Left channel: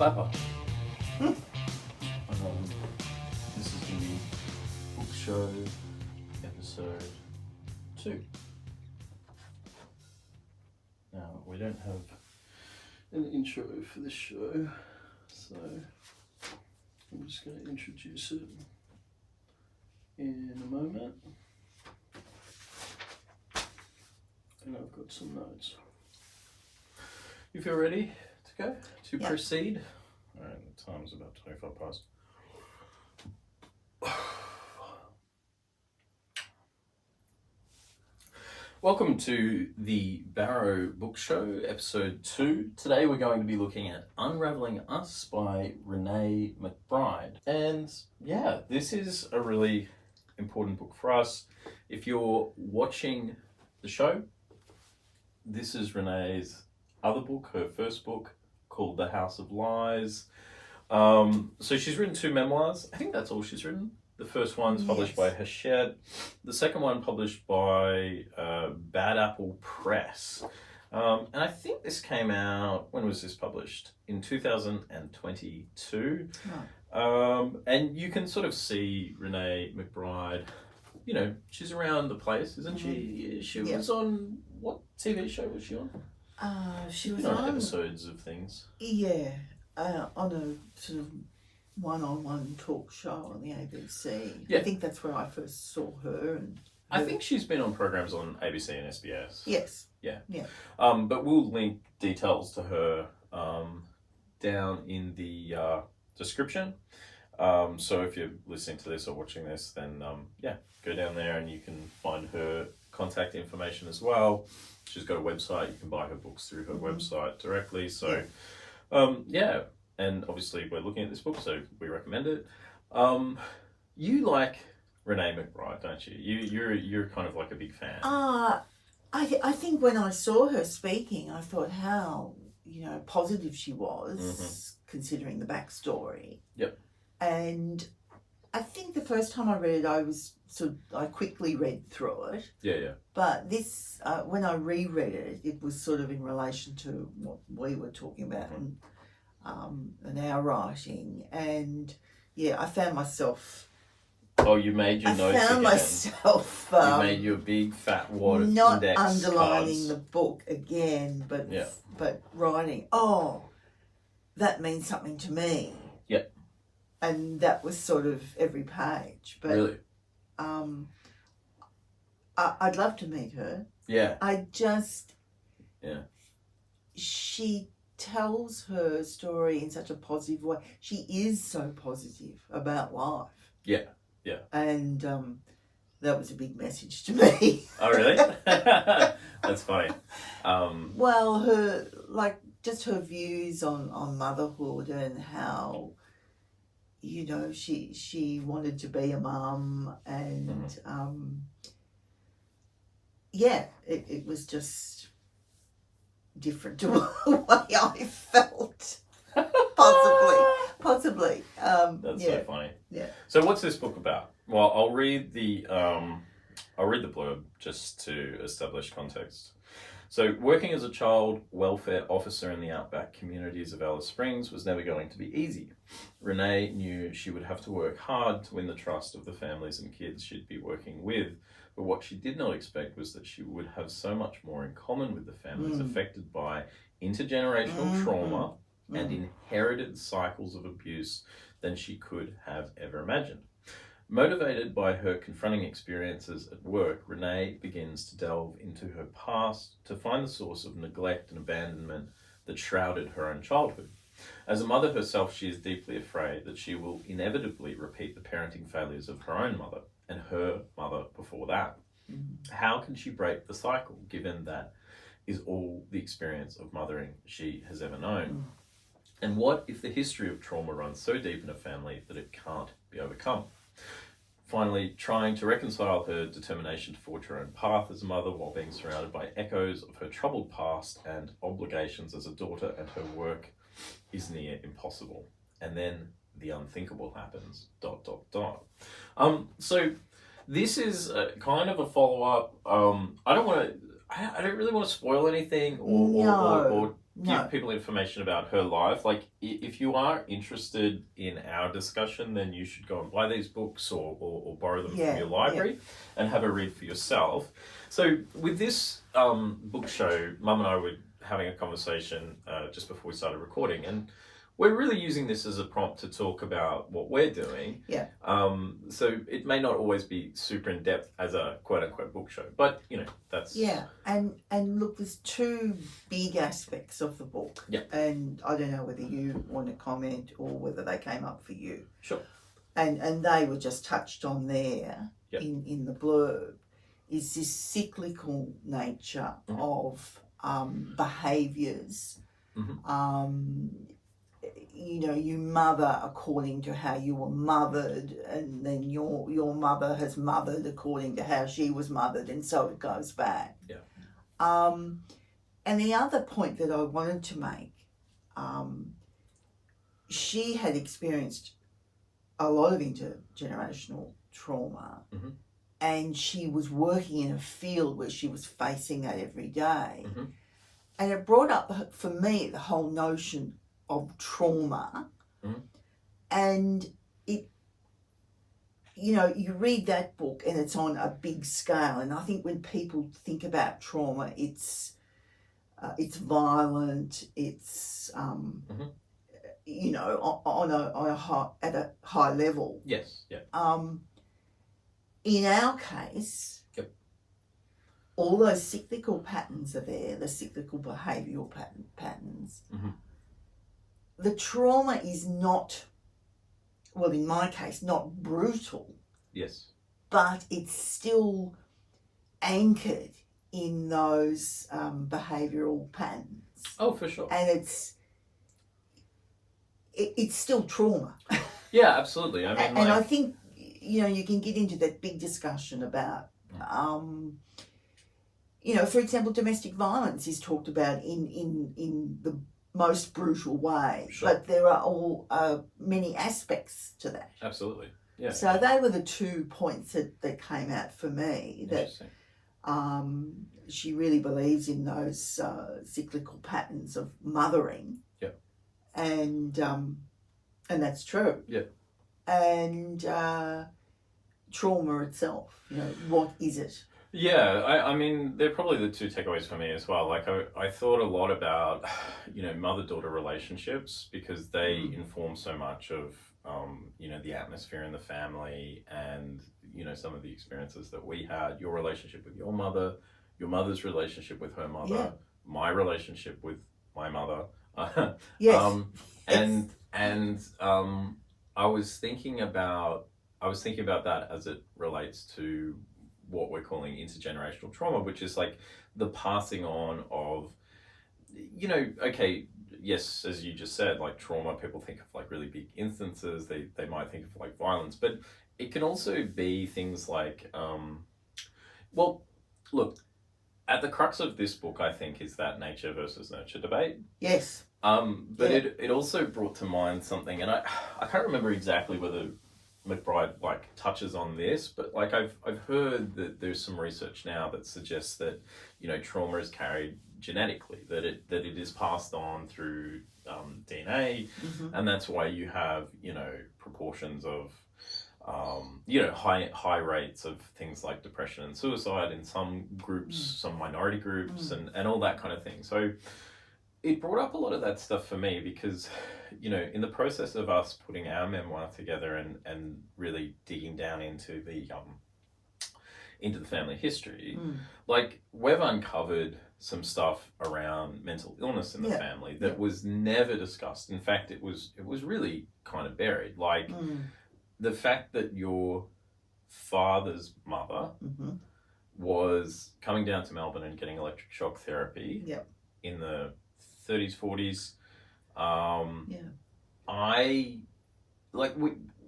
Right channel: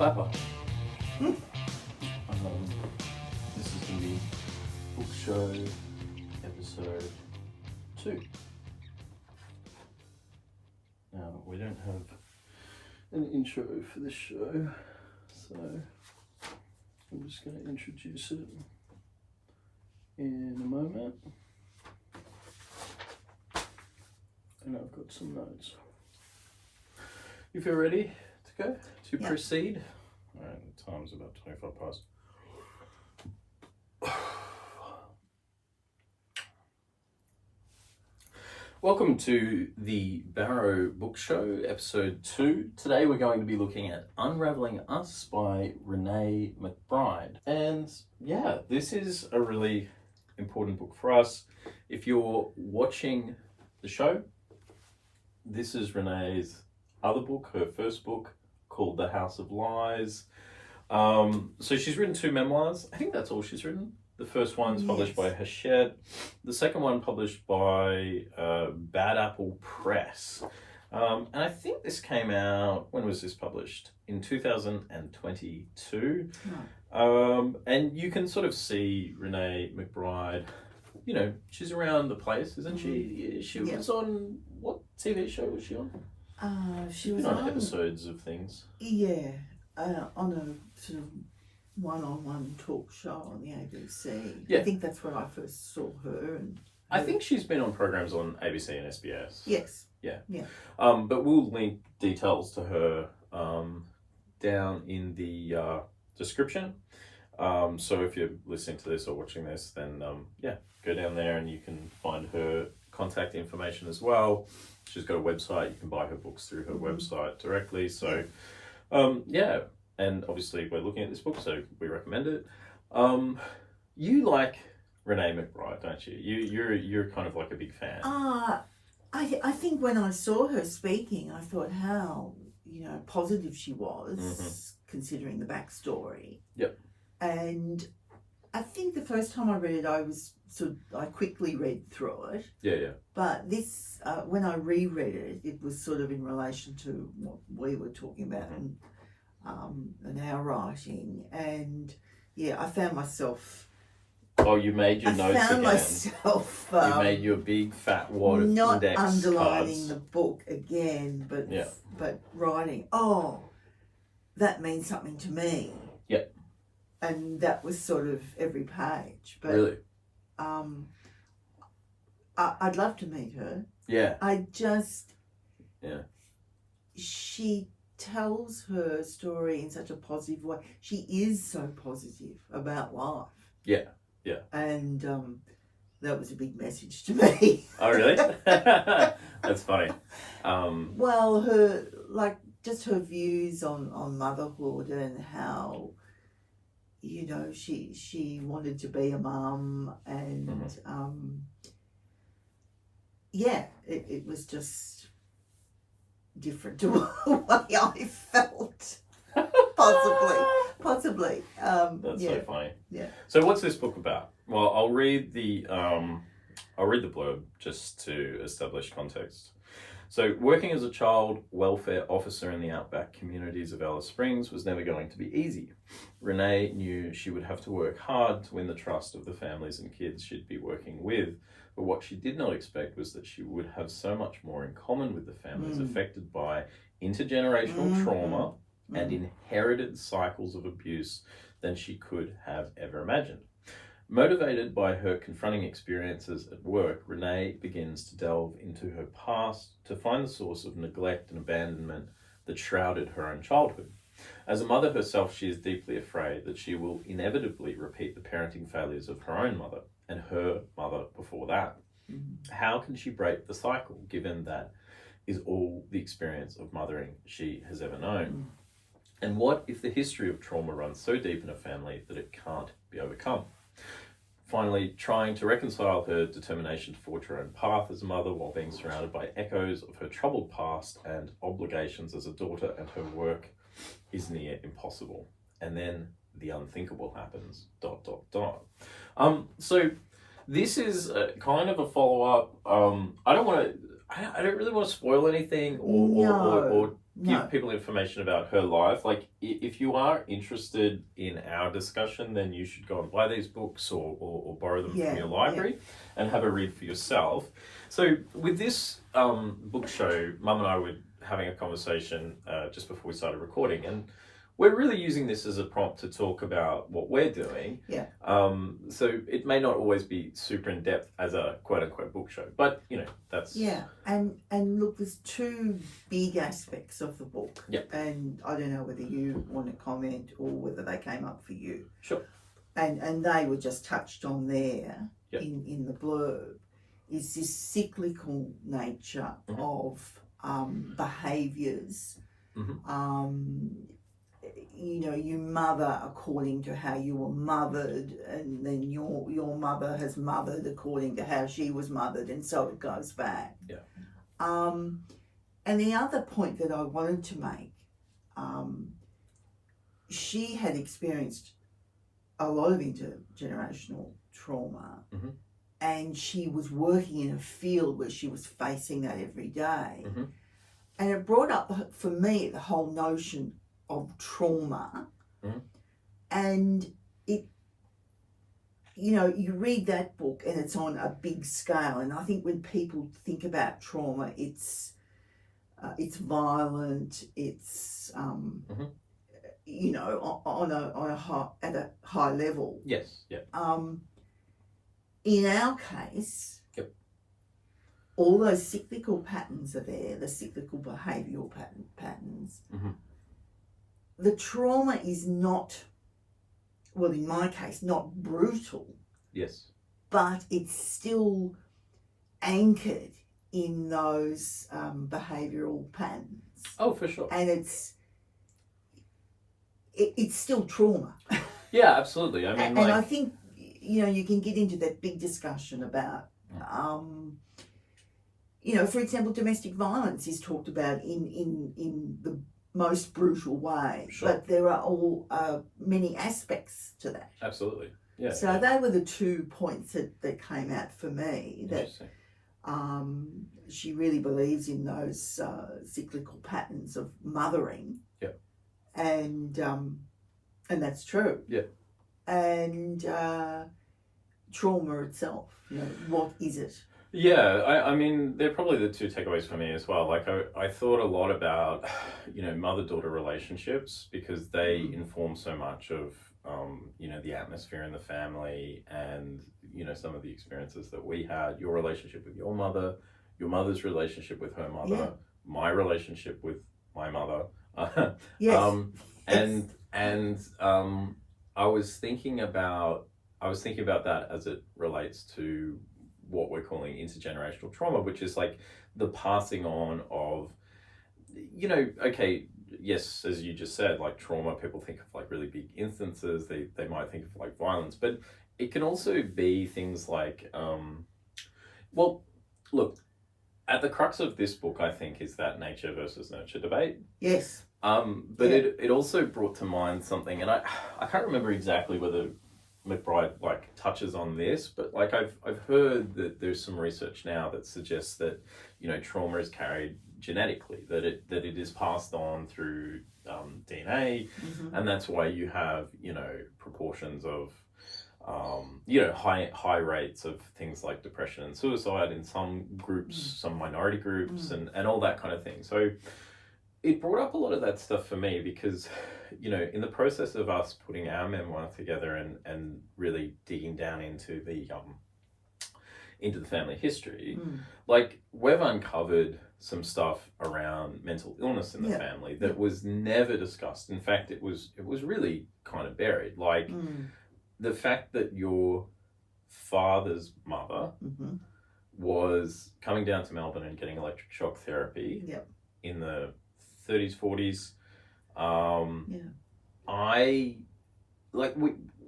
clapper. This is going to be Book Show episode 2. Now, we don't have an intro for this show, so I'm just going to introduce it in a moment. And I've got some notes. You feel ready to go? To proceed? Alright, the time's about 25 past. Welcome to the Barrow Book Show, episode 2. Today we're going to be looking at Unravelling Us by Renee McBryde. And yeah, this is a really important book for us. If you're watching the show, this is Renee's other book, her first book, called The House of Lies. So she's written 2 memoirs. I think that's all she's written. The first one's published by Hachette. The second one published by Bad Apple Press. And I think this came out, when was this published? In 2022. Oh. And you can sort of see Renee McBryde, you know, she's around the place, isn't she? She was on, what TV show was she on? She was on episodes of things. Yeah, on a sort of one-on-one talk show on the ABC. Yeah. I think that's where I first saw her. And I think she's been on programs on ABC and SBS. Yes. Yeah. Yeah. But we'll link details to her down in the description. So if you're listening to this or watching this, then go down there and you can find her contact information as well. She's got a website. You can buy her books through her website directly. So, and obviously we're looking at this book, so we recommend it. You like Renee McBryde, don't you? You're kind of like a big fan. I think when I saw her speaking, I thought how, positive she was, considering the backstory. Yep. And I think the first time I read it, I quickly read through it. Yeah. But this, when I reread it, it was sort of in relation to what we were talking about and our writing. And I found myself. Oh, you made your notes again. I found myself. You made your big fat wad not index underlining cards. the book again, but writing. Oh, that means something to me. Yeah. And that was sort of every page. But, really? I'd love to meet her. Yeah. She tells her story in such a positive way. She is so positive about life. Yeah. And that was a big message to me. Oh, really? That's funny. Well, just her views on motherhood and how, she wanted to be a mum and, it was just different to the way I felt. Possibly. That's so funny. Yeah. So what's this book about? Well, I'll read the blurb just to establish context. So, working as a child welfare officer in the outback communities of Alice Springs was never going to be easy. Renee knew she would have to work hard to win the trust of the families and kids she'd be working with, but what she did not expect was that she would have so much more in common with the families affected by intergenerational trauma and inherited cycles of abuse than she could have ever imagined. Motivated by her confronting experiences at work, Renee begins to delve into her past to find the source of neglect and abandonment that shrouded her own childhood. As a mother herself, she is deeply afraid that she will inevitably repeat the parenting failures of her own mother and her mother before that. How can she break the cycle, given that is all the experience of mothering she has ever known? And what if the history of trauma runs so deep in a family that it can't be overcome? Finally, trying to reconcile her determination to forge her own path as a mother while being surrounded by echoes of her troubled past and obligations as a daughter and her work is near impossible. And then the unthinkable happens, ... So this is kind of a follow-up. I don't really want to spoil anything or give people information about her life. Like, if you are interested in our discussion, then you should go and buy these books or borrow them from your library and have a read for yourself. So with this book show, Mum and I were having a conversation just before we started recording, and we're really using this as a prompt to talk about what we're doing. Yeah. So it may not always be super in depth as a quote unquote book show, but you know, that's And look, there's two big aspects of the book. Yep. And I don't know whether you want to comment or whether they came up for you. Sure. And they were just touched on there. Yep. In the blurb, is this cyclical nature of behaviours. You know, you mother according to how you were mothered, and then your mother has mothered according to how she was mothered, and so it goes back. Yeah. And the other point that I wanted to make, she had experienced a lot of intergenerational trauma, and she was working in a field where she was facing that every day. And it brought up, for me, the whole notion of trauma. And it, you know, you read that book and it's on a big scale, and I think when people think about trauma, it's violent, it's you know, at a high level. Yes. Yeah. In our case, all those cyclical patterns are there, the cyclical behavioural patterns. The trauma is not, well, in my case, not brutal. Yes. But it's still anchored in those behavioural patterns. Oh, for sure. And it's still trauma. Yeah, absolutely. I mean, and I think, you know, you can get into that big discussion about, you know, for example, domestic violence is talked about in the most brutal way, but there are all many aspects to that. Absolutely. Yeah. So they were the 2 points that came out for me, that she really believes in those cyclical patterns of mothering. Yep. And that's true. Yeah. And trauma itself, you know, what is it? Yeah, I mean, they're probably the two takeaways for me as well. Like, I thought a lot about, you know, mother-daughter relationships, because they inform so much of, you know, the atmosphere in the family, and, you know, some of the experiences that we had, your relationship with your mother, your mother's relationship with her mother, my relationship with my mother. And I was thinking about that as it relates to what we're calling intergenerational trauma, which is like the passing on of, you know, okay, yes, as you just said, like trauma, people think of like really big instances, they might think of like violence, but it can also be things like, well, look, at the crux of this book, I think, is that nature versus nurture debate. Yes. But it also brought to mind something, and I can't remember exactly whether McBryde like touches on this, but like I've heard that there's some research now that suggests that, you know, trauma is carried genetically, that it is passed on through DNA, and that's why you have, you know, proportions of you know, high rates of things like depression and suicide in some groups, some minority groups, and all that kind of thing. So it brought up a lot of that stuff for me, because, you know, in the process of us putting our memoir together and really digging down into the family history, like we've uncovered some stuff around mental illness in the family that was never discussed. In fact, it was really kind of buried. Like the fact that your father's mother was coming down to Melbourne and getting electric shock therapy in the 30s, 40s.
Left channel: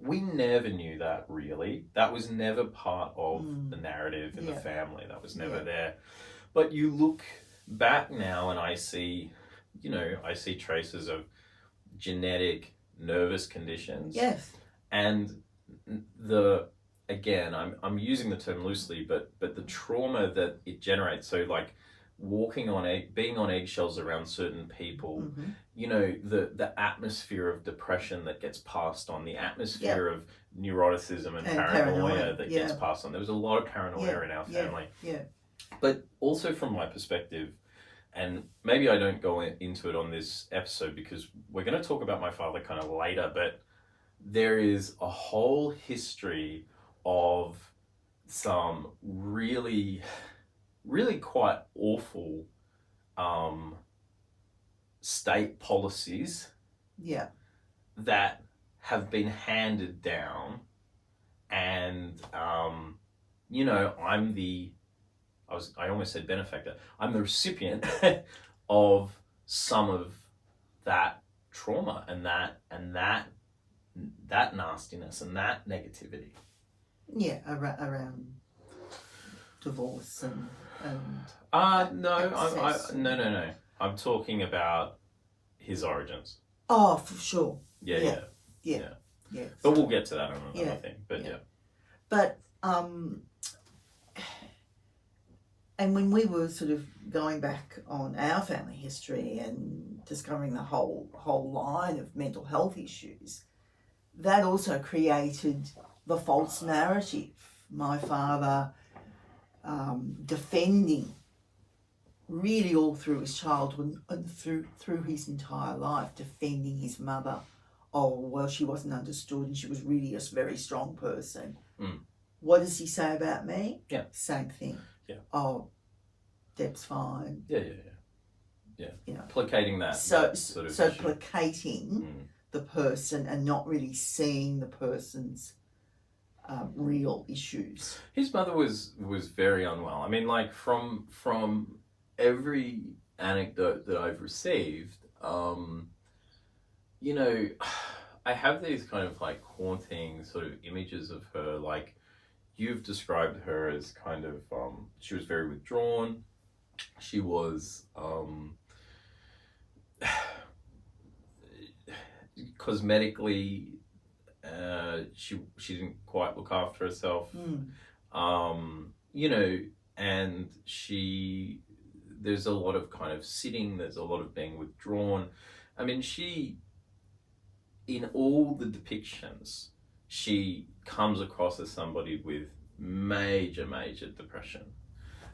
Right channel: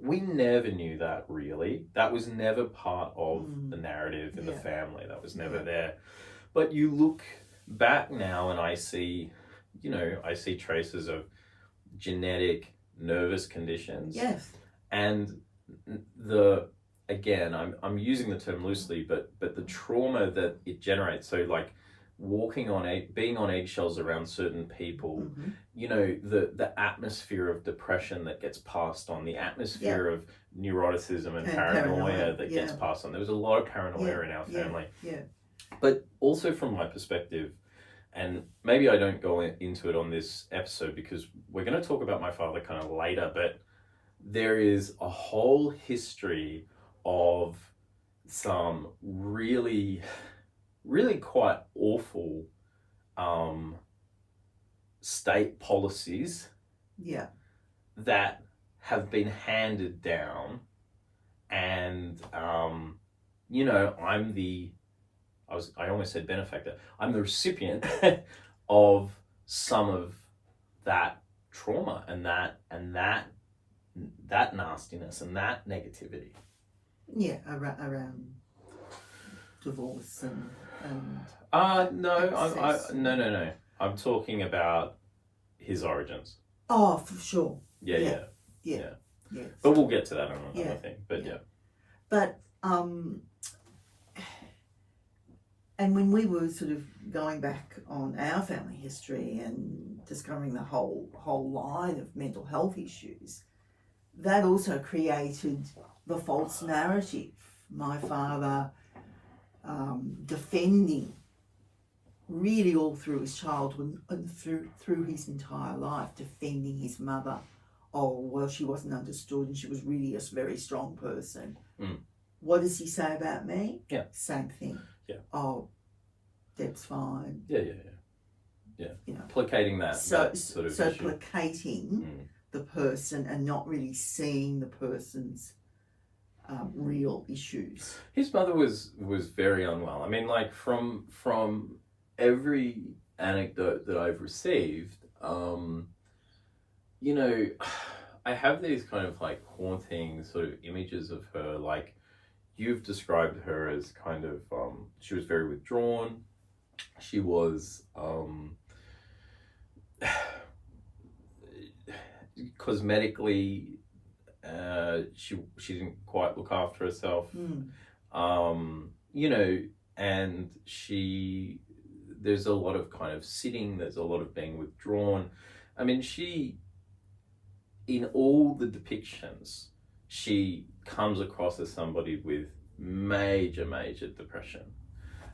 We never knew that, really. That was never part of the narrative in the family. That was never there. But you look back now and I see traces of genetic nervous conditions. Yes. And again, I'm using the term loosely, but the trauma that it generates. So like being on eggshells around certain people, the atmosphere of depression that gets passed on, the atmosphere of neuroticism and paranoia that gets passed on. There was a lot of paranoia in our family. But also from my perspective, and maybe I don't go into it on this episode because we're going to talk about my father kind of later, but there is a whole history of some really, really quite awful state policies that have been handed down. And, I almost said benefactor. I'm the recipient of some of that trauma and that nastiness and that negativity. Yeah, around divorce and no. I'm talking about his origins. Oh, for sure. Yeah. But we'll get to that on another thing. But But and when we were sort of going back on our family history and discovering the whole line of mental health issues, that also created the false narrative. My father defending really all through his childhood and through his entire life, defending his mother. Oh, well, she wasn't understood and she was really a very strong person. What does he say about me? Yeah. Same thing. Yeah. Oh, Deb's fine. Yeah. Placating that sort of issue. Placating the person and not really seeing the person's real issues. His mother was very unwell. I mean, like from every anecdote that I've received, I have these kind of like haunting sort of images of her. Like you've described her as kind of, she was very withdrawn. She was cosmetically, she didn't quite look after herself. And there's a lot of kind of sitting, there's a lot of being withdrawn. I mean, in all the depictions, she comes across as somebody with major depression.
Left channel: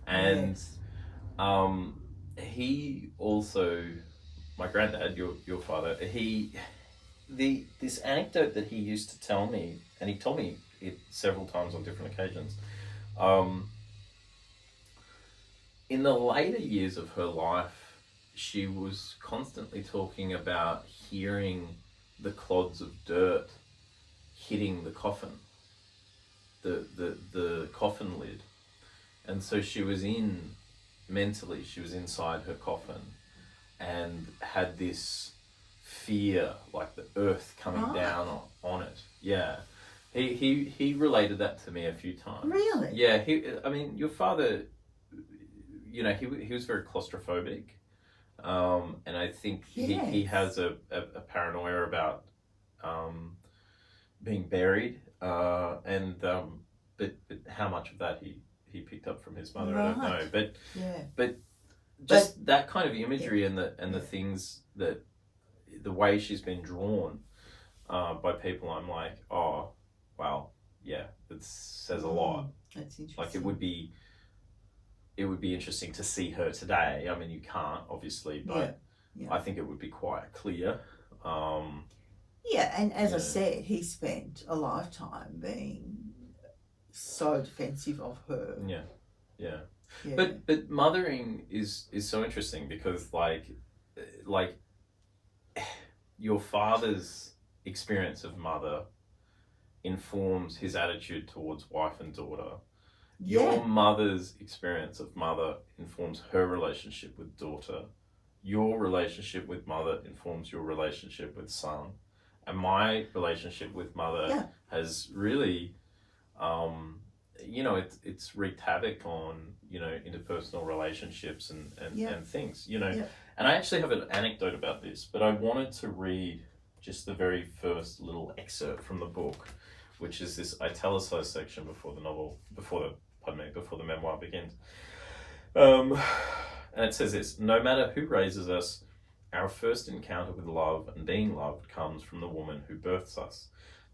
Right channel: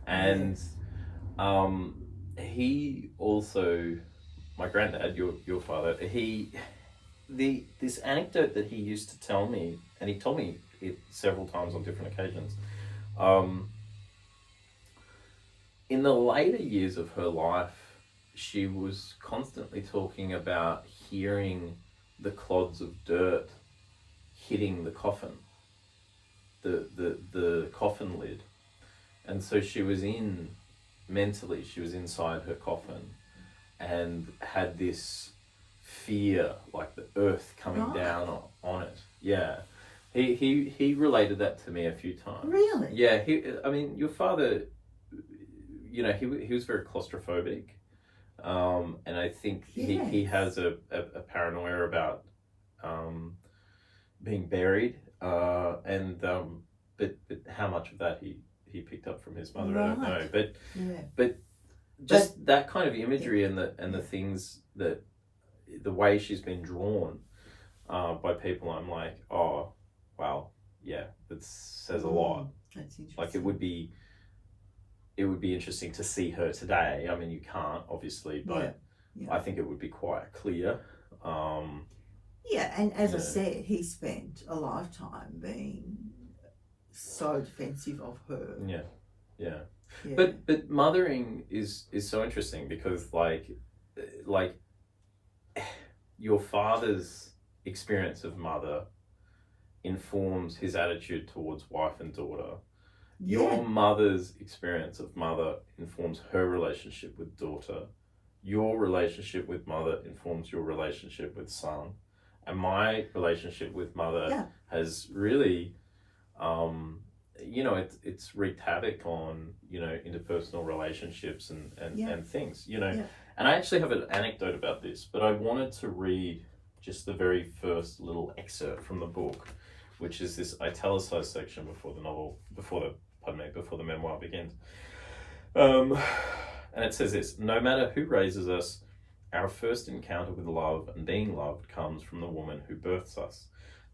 And he also, my granddad, your father, this anecdote that he used to tell me, and he told me it several times on different occasions, in the later years of her life, she was constantly talking about hearing the clods of dirt hitting the coffin, the coffin lid. And so she was mentally, she was inside her coffin and had this fear, like the earth coming down on it. Yeah. He related that to me a few times. Really? Yeah. Your father, he was very claustrophobic. And I think he has a paranoia about being buried. But how much of that he picked up from his mother, I don't know. But just that kind of imagery and the things that the way she's been drawn by people, I'm like, oh wow, yeah, that says a lot. That's interesting. Like it would be interesting to see her today. I mean, you can't obviously, but I think it would be quite clear. And as I said, he spent a lifetime being so defensive of her. Yeah. But mothering is so interesting because like your father's experience of mother informs his attitude towards wife and daughter. Your mother's experience of mother informs her relationship with daughter. Your relationship with mother informs your relationship with son. And my relationship with mother has really, it's wreaked havoc on, interpersonal relationships and things, And I actually have an anecdote about this, but I wanted to read just the very first little excerpt from the book, which is this italicized section before the memoir begins. And it says this: no matter who raises us, our first encounter with love and being loved comes from the woman who births us.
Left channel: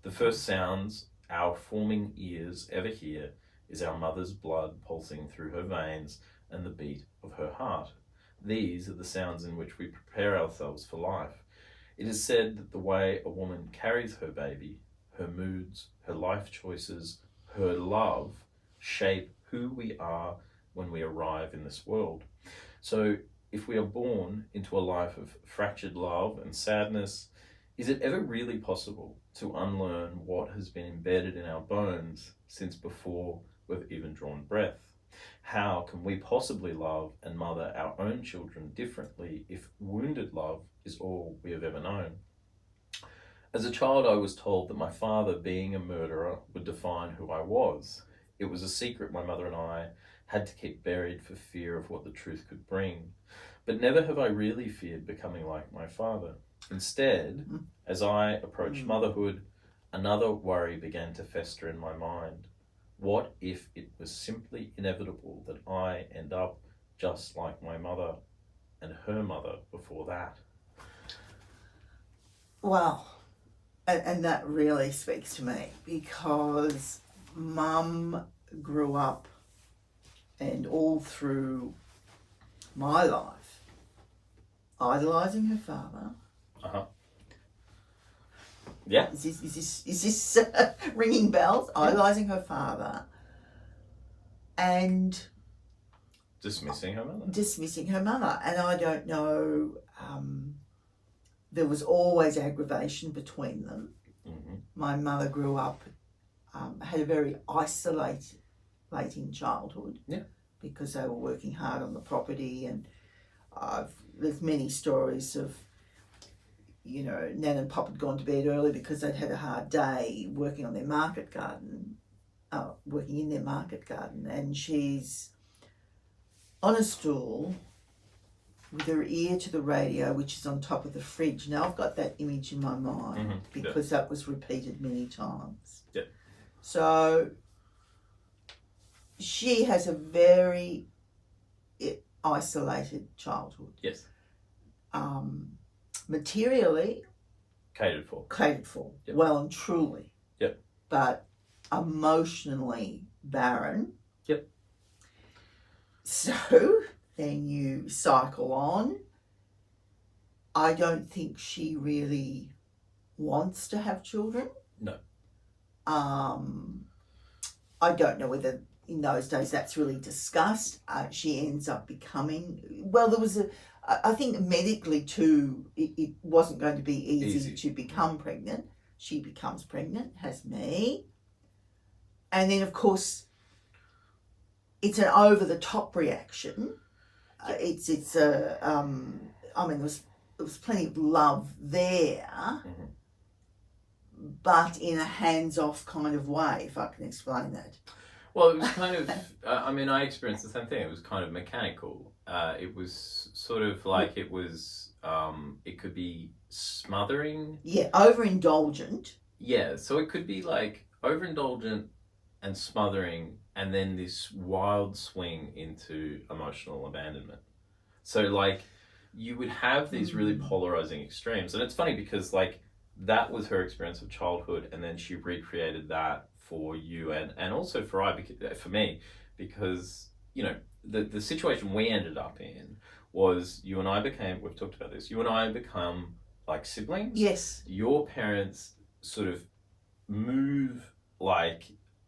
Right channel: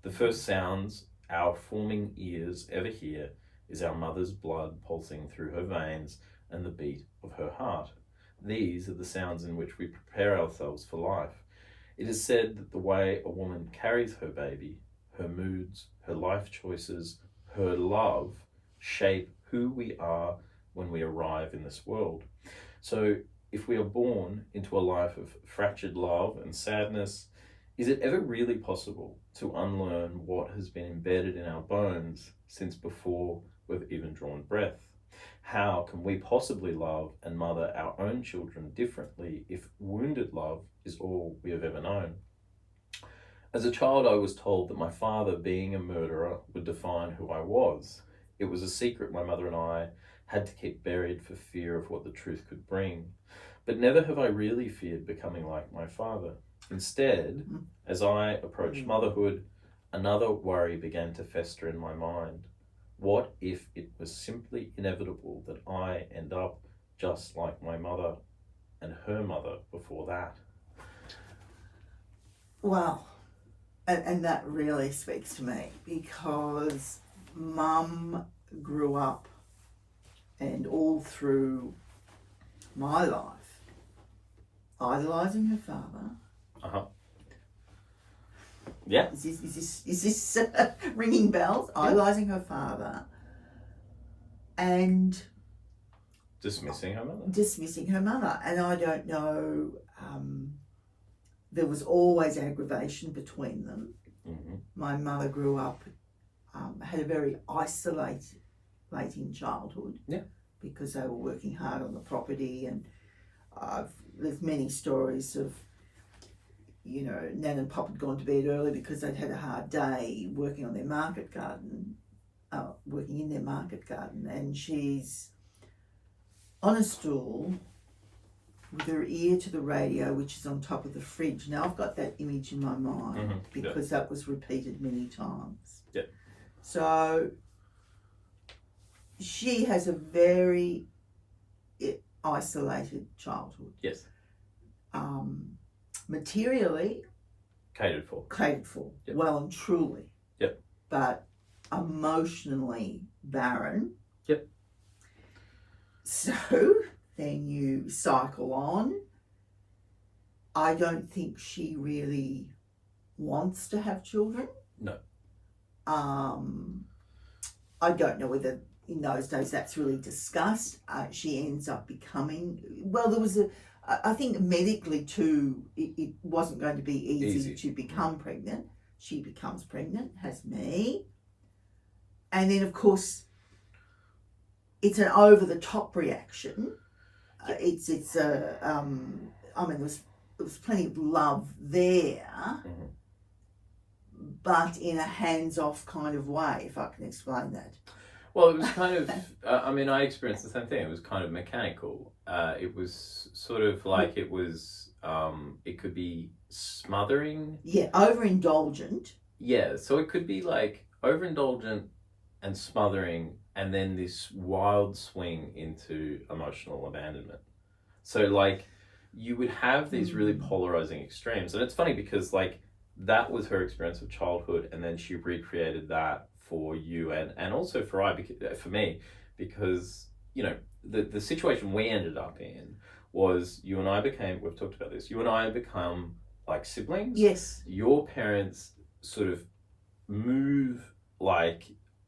The first sounds our forming ears ever hear is our mother's blood pulsing through her veins and the beat of her heart. These are the sounds in which we prepare ourselves for life. It is said that the way a woman carries her baby, her moods, her life choices, her love, shape who we are when we arrive in this world. So if we are born into a life of fractured love and sadness, is it ever really possible to unlearn what has been embedded in our bones since before we've even drawn breath? How can we possibly love and mother our own children differently if wounded love is all we have ever known? As a child, I was told that my father, being a murderer, would define who I was. It was a secret my mother and I had to keep buried for fear of what the truth could bring. But never have I really feared becoming like my father. Instead, as I approached motherhood, another worry began to fester in my mind. What if it was simply inevitable that I end up just like my mother and her mother before that? Well, and that really speaks to me, because Mum grew up and all through my life idolising her father. Yeah. Is this ringing bells? Yeah. Idolising her father and dismissing her mother. And I don't know, there was always aggravation between them. Mm-hmm. My mother grew up, had a very isolating childhood. Yeah. Because they were working hard on the property, and there's many stories of, you know, Nan and Pop had gone to bed early because they'd had a hard day working in their market garden, and she's on a stool with her ear to the radio, which is on top of the fridge. Now I've got that image in my mind because that was repeated many times. Yeah. So she has a very isolated childhood. Yes. Materially catered for. Yep. Well and truly. Yep. But emotionally barren. Yep. So then you cycle on. I don't think she really wants to have children. No. I don't know whether in those days that's really discussed. She ends up becoming, well, there was I think medically too, it wasn't going to be easy to become pregnant. She becomes pregnant, has me. And then, of course, it's an over-the-top reaction. I mean, there was plenty of love there, but in a hands-off kind of way, if I can explain that. Well, it was kind of, I mean, I experienced the same thing. It was kind of mechanical. It was sort of like it was, it could be smothering. Yeah, overindulgent. Yeah, so it could be like overindulgent and smothering, and then this wild swing into emotional abandonment. So like you would have these really polarizing extremes. And it's funny because like that was her experience of childhood, and then she recreated that for you and also for me, because you know the situation we ended up in was you and I became, we've talked about this, you and I become like siblings. Yes. Your parents sort of move like,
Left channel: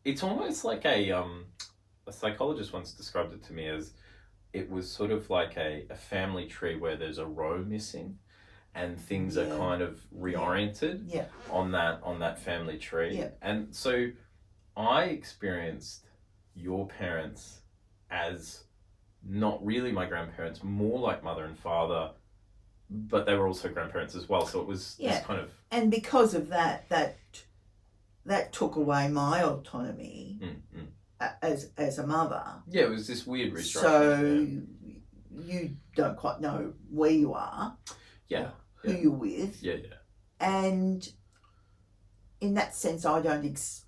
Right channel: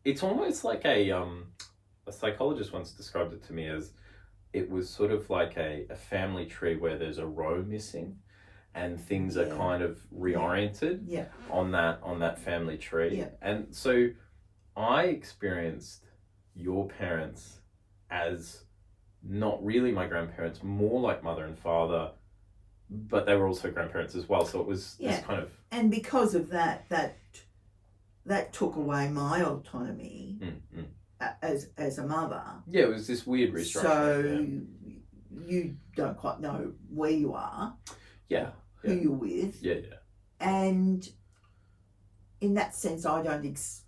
it's almost like a psychologist once described it to me as it was sort of like a family tree where there's a row missing and things are kind of reoriented on that family tree. Yeah. And so I experienced your parents as not really my grandparents, more like mother and father, but they were also grandparents as well. So it was this kind of... And because of that took away my autonomy as a mother. Yeah, it was this weird restructuring. So you don't quite know where you are. Yeah. Who you're with. Yeah. And in that sense, I don't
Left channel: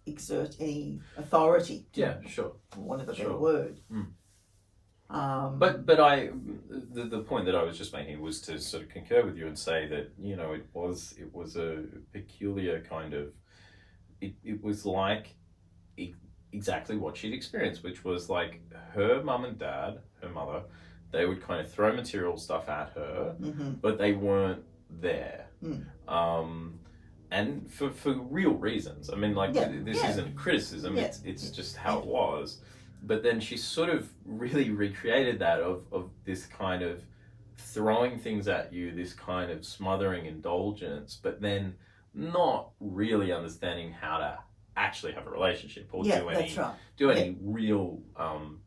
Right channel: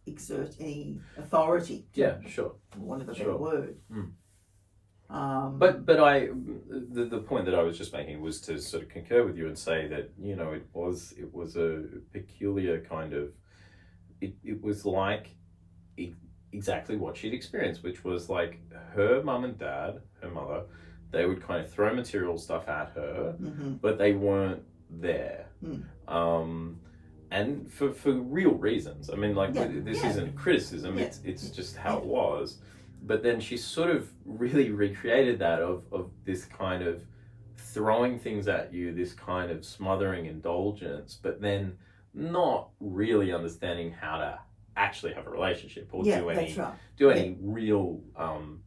exert any authority. Yeah, sure. For want of a better word. But the point that I was just making was to sort of concur with you and say that, you know, it was a peculiar kind of, it was like exactly what she'd experienced, which was like her mum and dad, her mother, they would kind of throw material stuff at her, but they weren't there. And for real reasons. I mean, like, this isn't criticism, it's just how it was. But then she sort of really recreated that of this kind of throwing things at you, this kind of smothering indulgence, but then not really understanding how to actually have a relationship or do any real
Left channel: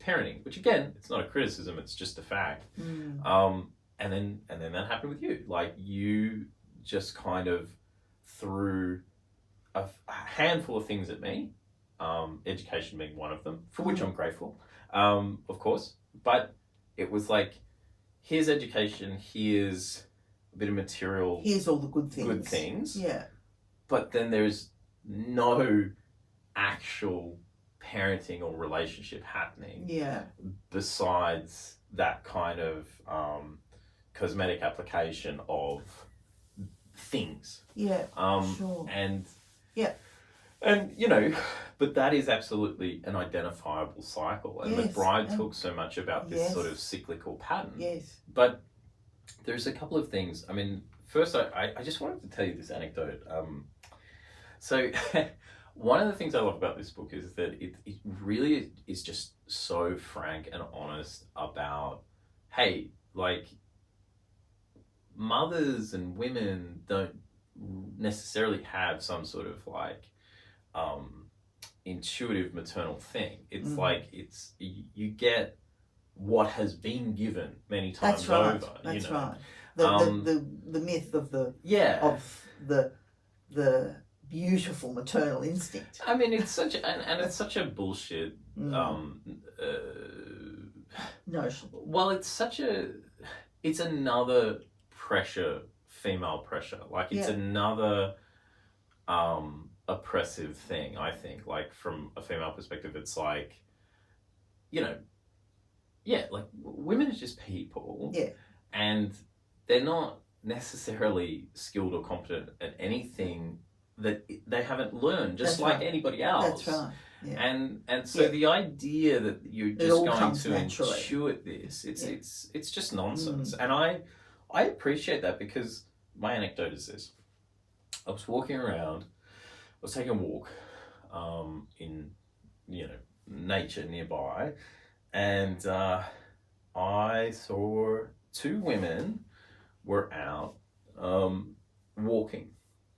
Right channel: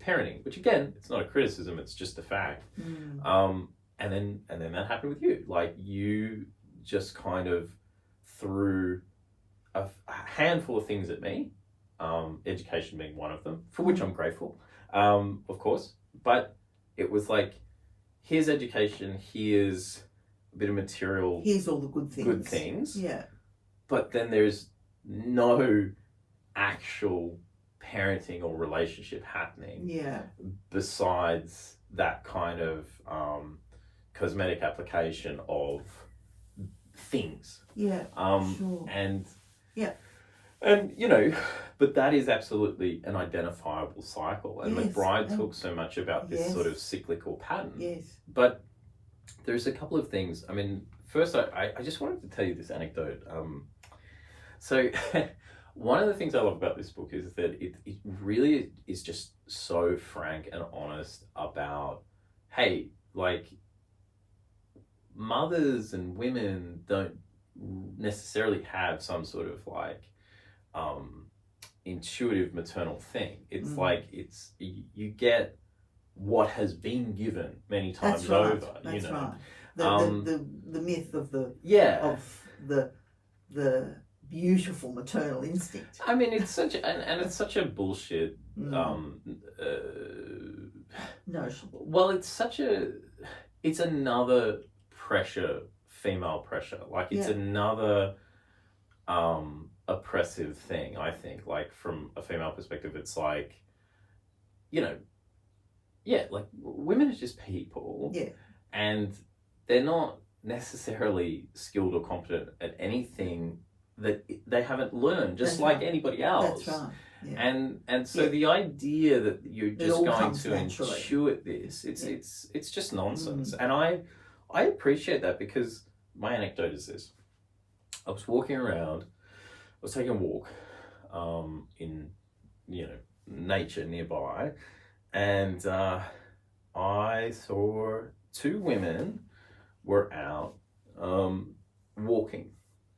parenting. Which again, it's not a criticism; it's just a fact. And then that happened with you. Like, you just kind of threw a handful of things at me. Education being one of them, for which I'm grateful, of course. But it was like, here's education, here's a bit of material, here's all the good things. Yeah. But then there's no actual parenting or relationship happening. Yeah. Besides that kind of cosmetic application of things. Yeah. Sure. And yeah. And, you know, but that is absolutely an identifiable cycle. And McBryde talks so much about this sort of cyclical pattern. Yes. But there's a couple of things. I mean, first, I just wanted to tell you this anecdote. So one of the things I love about this book is that it really is just so frank and honest about, hey, like, mothers and women don't necessarily have some sort of like intuitive maternal thing. It's like you get what has been given many times over. That's right. The myth of the beautiful maternal instinct. I mean, it's such it's such a bullshit notion. Well, it's another pressure, female pressure. Like, it's another oppressive thing, I think. Like, from a female perspective, it's like, you know, like, women are just people. Yeah. And they're not necessarily skilled or competent at anything that they haven't learned, just like anybody else. That's right. Yeah. And so the idea that you're just going to intuit this, it's just nonsense. And I appreciate that, because my anecdote is this. I was walking around, I was taking a walk in, you know, nature nearby, and I saw two women were out walking,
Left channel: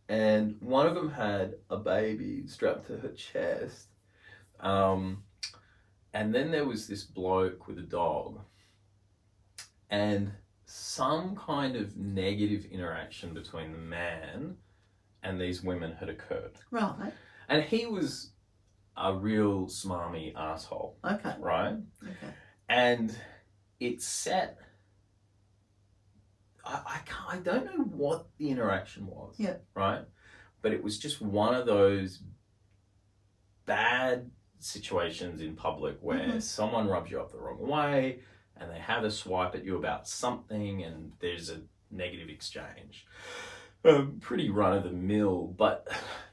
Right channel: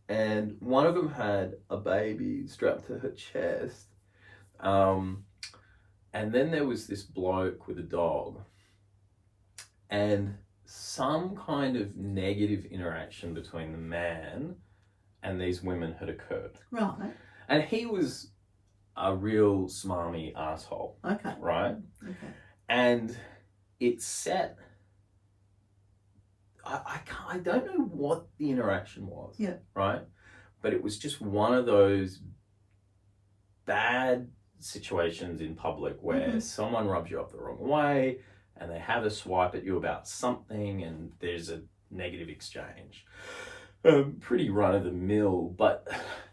and one of them had a baby strapped to her chest, and then there was this bloke with a dog, and some kind of negative interaction between the man and these women had occurred. Right. And he was a real smarmy asshole. Okay. Right? Okay. And it set... I don't know what the interaction was. Yeah. Right? But it was just one of those bad situations in public where someone rubs you up the wrong way and they have a swipe at you about something and there's a negative exchange. Pretty run-of-the-mill, but,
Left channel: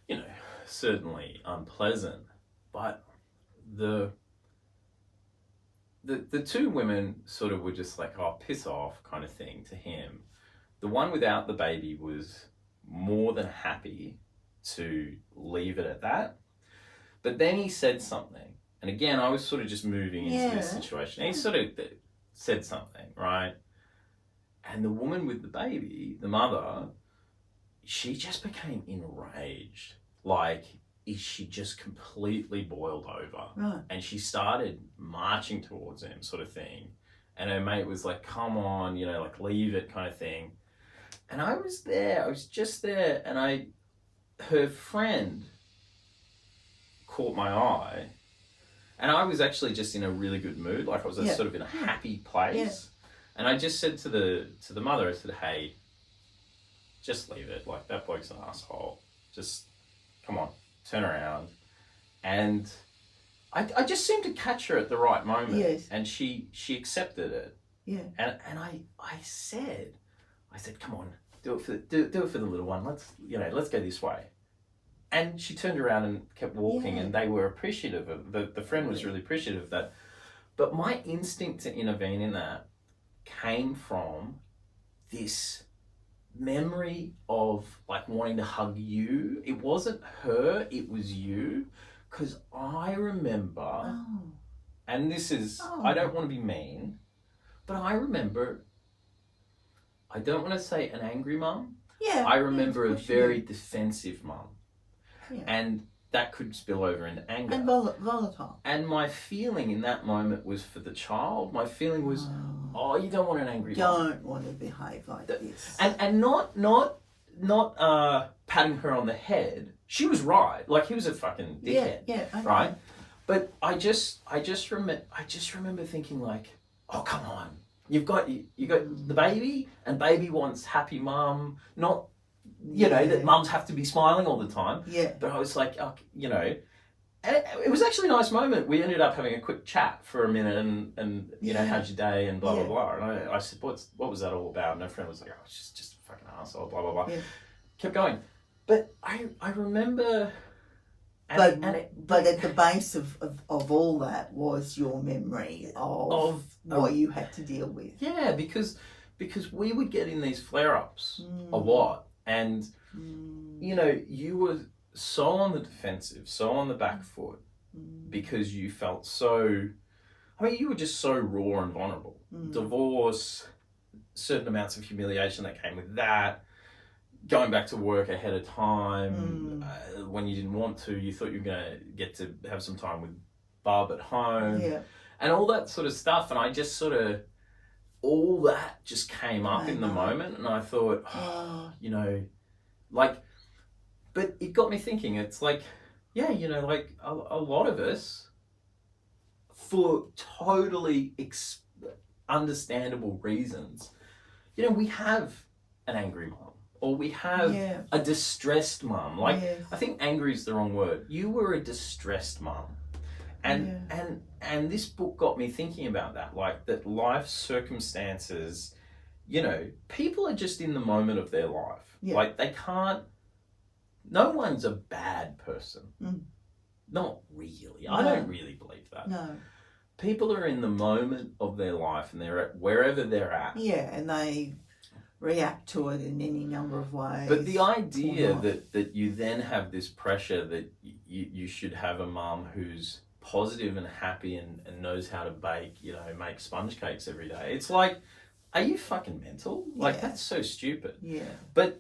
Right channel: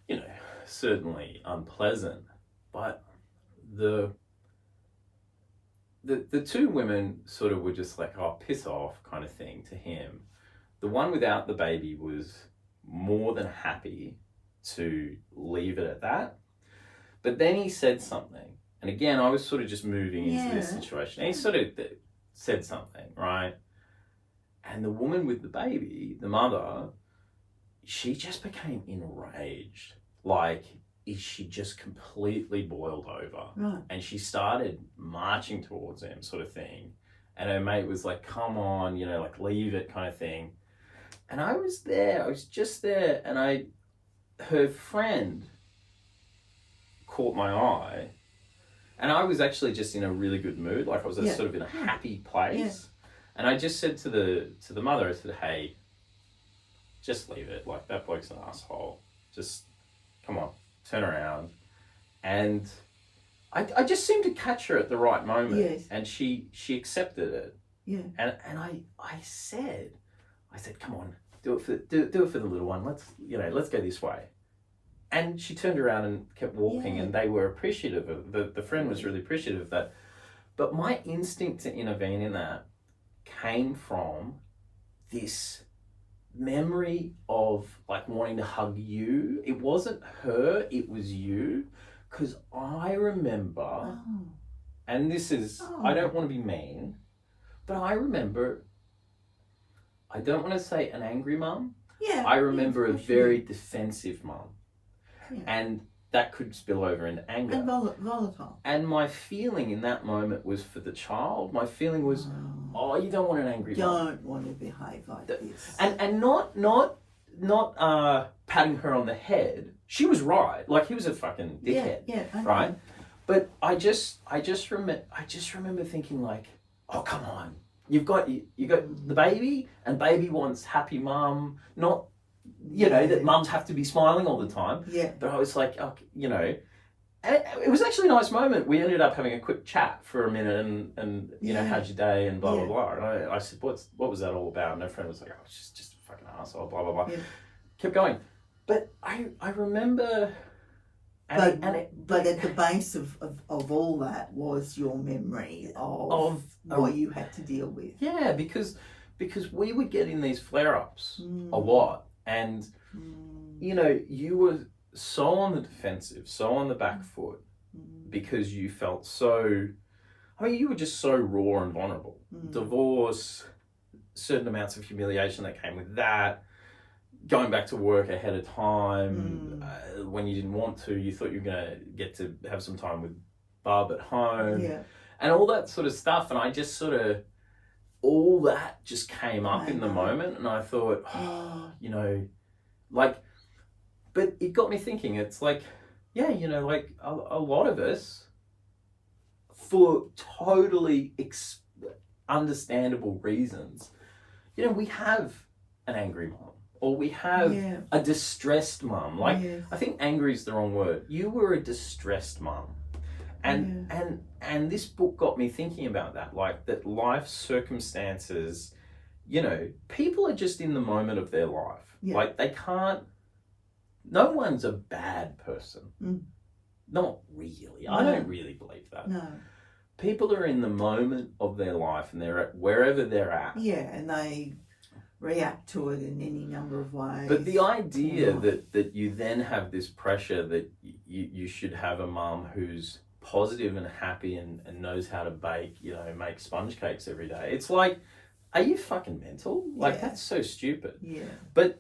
you know, certainly unpleasant. But the two women sort of were just like, oh, piss off kind of thing to him. The one without the baby was more than happy to leave it at that. But then he said something. And again, I was sort of just moving into this situation. He sort of said something, right? And the woman with the baby, the mother, she just became enraged. Like, she just completely boiled over. Right. And she started marching towards him, sort of thing. And her mate was like, come on, you know, like, leave it kind of thing. And I was there, I was just there. And her friend caught my eye. And I was actually just in a really good mood. Like, I was sort of in a happy place. Yeah. And I just said to the mother, I said, hey, just leave it. Like, that bloke's an asshole. Just, come on, turn around. And I just seemed to catch her at the right moment. Yes. And she accepted it. Yeah. And I said, come on, do it for the little one. Let's go this way. And she turned around and kept walking, and they were appreciative of the friend was really appreciative of that. But my instinct to intervene in that came from this memory of like wanting to hug you. It wasn't her, it was you. Because I remember, and this is, I don't want to be mean, but I remember, I don't want to say an angry mum. Yeah. I remember a very defensive mum. Yeah. And that could spill over into anger. And volatile. And my feeling in that moment was for the child. My feeling was, you don't want an angry mum. Don't want to behave like this. And not patting her on the head. She was right. Like, he was a fucking dickhead. Yeah. Okay. Right? But I just remember thinking like, oh, come on. You got the baby, and baby wants happy mum, not, that mums have to be smiling all the time. Yeah. But I was like, and it was actually a nice moment. We ended up having a quick chat for a minute and how's your day and blah, blah, blah. And I said, what was that all about? And her friend was like, oh, it's just a fucking asshole, blah, blah, blah. Yeah. Kept going. But I remember... But at the base of all that was your memory of what you had to deal with. Yeah, because we would get in these flare-ups a lot. And, you were so on the defensive, so on the back foot, because you felt so... you were just so raw and vulnerable. Divorce, certain amounts of humiliation that came with that, going back to work ahead of time, when you didn't want to, you thought you were going to get to have some time with Barb at home, and all that sort of stuff. And I just sort of, all that just came up in the moment, and I thought, but it got me thinking, it's like, a lot of us, for totally understandable reasons, we have an angry mom. Or we have a distressed mum. I think angry is the wrong word. You were a distressed mum. And this book got me thinking about that. Like, that life circumstances, people are just in the moment of their life. Yeah. Like, they can't, no one's a bad person. Not really. No. I don't really believe that. No. People are in the moment of their life, and they're at wherever they're at. Yeah, and they react to it in any number of ways. But the idea that you then have this pressure that you should have a mum who's positive and happy and knows how to bake, make sponge cakes every day. It's like, are you fucking mental? Like, that's so stupid. Yeah. But,